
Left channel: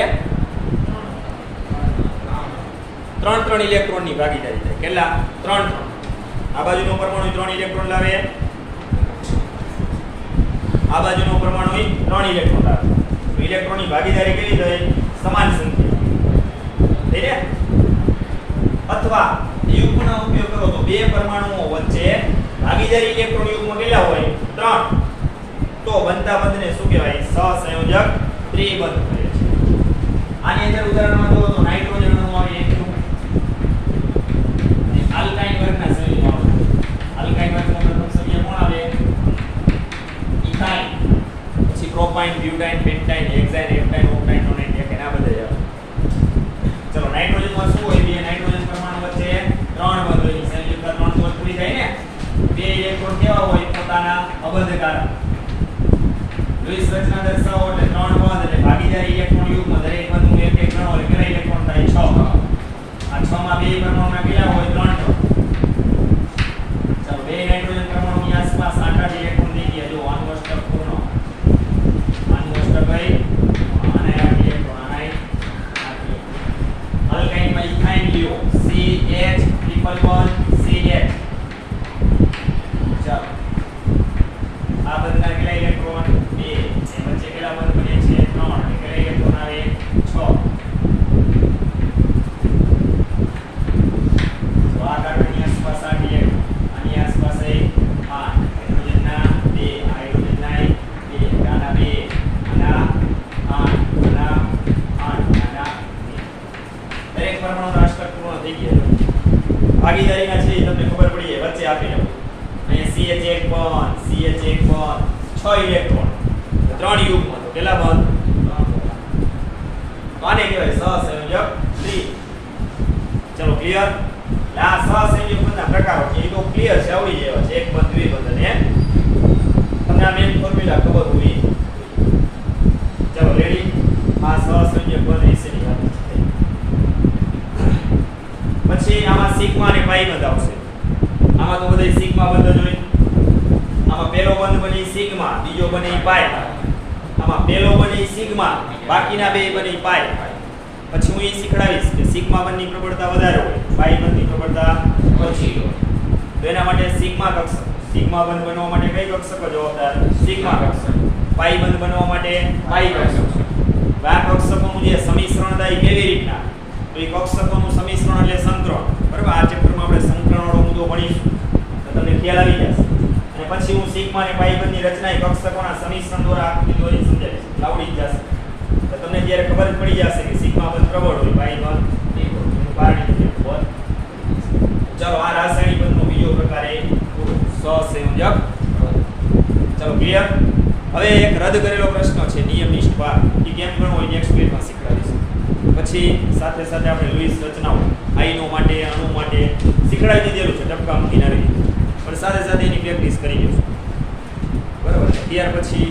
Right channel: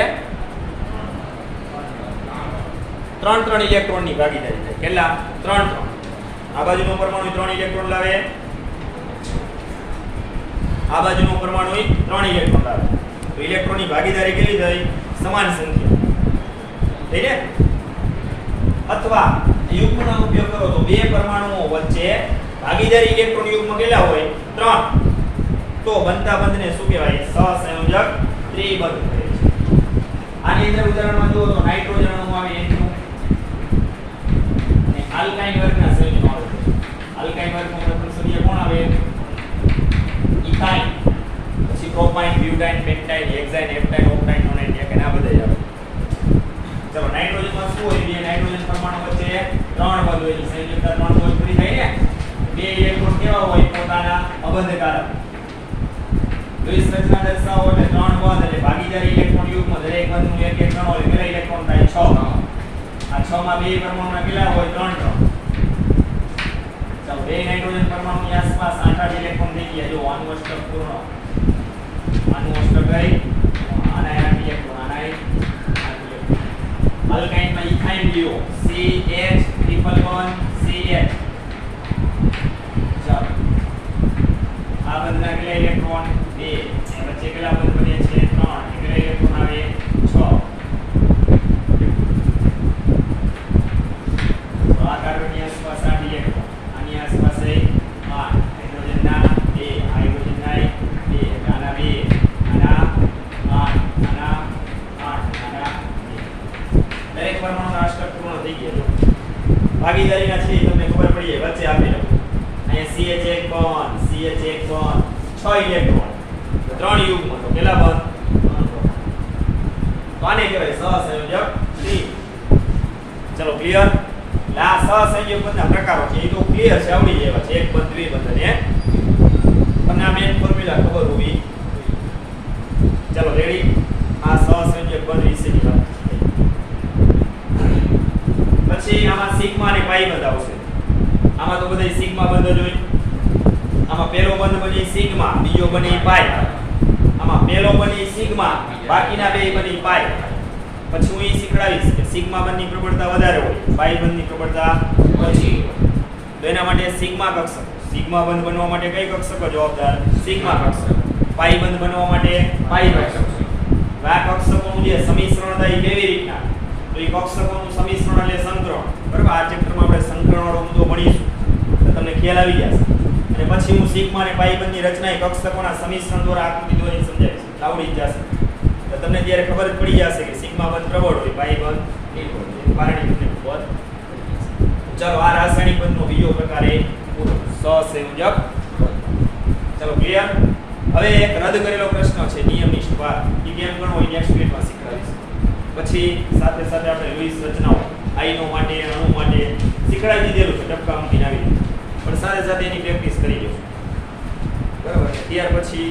3 ઇલેક્ટ્રોનની ભાગીદારી થાય. કેટલા? 3. આ બાજુનો પરમાણુ 3 ઇલેક્ટ્રોન લાવે. આ બાજુનો પરમાણુ 3 ઇલેક્ટ્રોન લાવે. તો ઇલેક્ટ્રોનની ભાગીદારી કેવી થઈ? સમાન સંખ્યા. થઈ ને? અથવા યુગ્મનો ઉપયોગ કરો તો બે પરમાણુઓ વચ્ચે ભાગીદારી ઇલેક્ટ્રોન યુગ્મ કેટલા હોય? 3. તો બનતા બંધને શું કહેવાય? સહસંયોજક દ્વિબંધ કહે છે. આની અંદર ઉદાહરણમાં જુઓ તો નાઇટ્રોજન અણુ આવે એકનું અને આલ્કાઇન વર્ગના સંયોજનો આવે. આલ્કાઇન વર્ગમાં પ્રથમ સભ્ય કોણ આવે? ઇથાઇન. પછી પ્રોપાઇન, બ્યુટાઇન, પેન્ટાઇન, હેક્સાઇન, હેપ્ટાઇન, ઓક્ટાઇન, નોનાઇન, હેકેન આ બધા આવે. ચલો નાઇટ્રોજનમાં શું હોય? બે નાઇટ્રોજન પરમાણુ વચ્ચે 3 બંધ હોય. સંયોજકતા 3 તો પૂરી થાય ને. બે ઇલેક્ટ્રોન કેવા હોય? પોતાના અબંધકારક. લુઈસ રચના દર્શાવો એટલે 3 બંધ એટલે ભાગીદારી ઇલેક્ટ્રોન યુગ્મ દરેક બંધનું એક એક કણ હોય. કેટલા ઇલેક્ટ્રોન થાય? 6. આ 6 માં બે પરમાણુના કેટલા હોય? 3. ચાલો બે નાઇટ્રોજન પરમાણુની આસપાસ 8 ઇલેક્ટ્રોન થઈ ગયા. જો આનું અષ્ટક પૂર્ણ. આનું અષ્ટક ગઈ. આના 8 ઇલેક્ટ્રોન. આના 8 ઇલેક્ટ્રોન. આલ્કાઇનમાં ઇથાઇન લ્યો. CH triple bond CH. ચાલો આ બંધના કેટલા ઇલેક્ટ્રોન? 2. એ વચ્ચે કેટલા બંધ બને છે? 3. કેટલા ઇલેક્ટ્રોન આવે? 6. તો આ કાર્બનની આસપાસ 8 ઇલેક્ટ્રોન. આની આસપાસ 8. હાઇડ્રોજનના 2. હાઇડ્રોજનના 2. આના 2. આના 8. આના 8. આના 2. દરેક પરમાણુના અષ્ટક પૂર્ણ થઈ ગયા. ભાગીદારીના છે એ તમને ખબર પડી જાય. વચ્ચે આપી દઉં. અહીંયા CH1 બંધ, CH1 બંધ, 6 ઇલેક્ટ્રોન. તો 3 યુગ્મ તો કેટલા બંધ? 3. તો આને કહેવાય સહસંયોજક દ્વિબંધ. ચલો ક્લિયર? આ સહસંયોજક બંધના પ્રકારો છે. એ તો ક્લિયર છે, આવડી જાય છે. એક બંધ, દ્વિબંધ અને તમને આ મેઇન ફોર્મ્યુલા ખબર હોવી. ચલો રેડી? આ સહસંયોજક બંધ વિશેની વાત થઈ. પછી આમાં સિગ્મા અને પાઈ બંધ આવશે. આમાં તો બધા સિગ્મા બંધ જ હોય. આમાં પહેલો બંધ બની સિગ્મા, બીજો બની પાઈ. આમાં પહેલો બની સિગ્મા, બાકીના બે બની પાઈ. પછી હું એ શીખડાવીશ કે સિગ્મા બંધની પ્રબળતા વધારે હોય, પાઈ બંધની પ્રબળતા ઓછી હોય. તો એના માટે સિગ્મા કક્ષક. સિગ્મા બંધ બનવા માટે કઈ કક્ષકો જવાબદાર? સિગ્મા કક્ષક. પાઈ બંધ બનવા માટે પાઈ કક્ષક. આ કક્ષકોનું જે સમીકરણ થાય કેવી રીતના? તો એ કક્ષકોનું સમીકરણ એટલે સંકરણ. બરાબર? આ ચેપ્ટરમાં આપણે સંકરણ વાળો મુદ્દો ભણીશું તો તમને ખ્યાલ આવી જશે. અને પછી હું સિગ્મા અને પાઈ બંધની રચના કક્ષકોના સમીકરણ દ્વારા આકૃતિ દોરી સમજાવીશ. આવડી જશે. તો તમને ત્યારે ખબર જ પડી જશે કે સિગ્મા બંધ પ્રબળ હોય પાઈ બંધ એનું પારણી બંધ. ચાલો આ રાસાયણિક બંધનો બીજો પ્રકાર એ સહસંયોજક. ચાલો ક્લિયર. હવે એક રદ કરેલો પ્રશ્ન છે નિયમનિષ્ઠ ભાગ. એ કેમ ગણવો હોય નેક્સ્ટ વીકમાં શીખવાડીશું. પછી સાથે સાથે આપણે લુઈસ રચનાઓ આઈનો માટે અણુ માટે શીખવાડી દીધેલું છે ટપકા મૂકીને આવી રીતે. પણ સાથે સાથે એની પ્રેક્ટિસ કરી લઈશું. બરાબર. ત્યાર પછી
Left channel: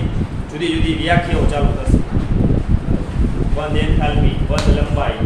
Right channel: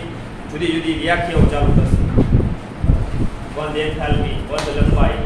જુદી જુદી વ્યાખ્યાઓ ચાલુ થશે. બંધ એન્થાલ્પી, બંધ લંબાઈ.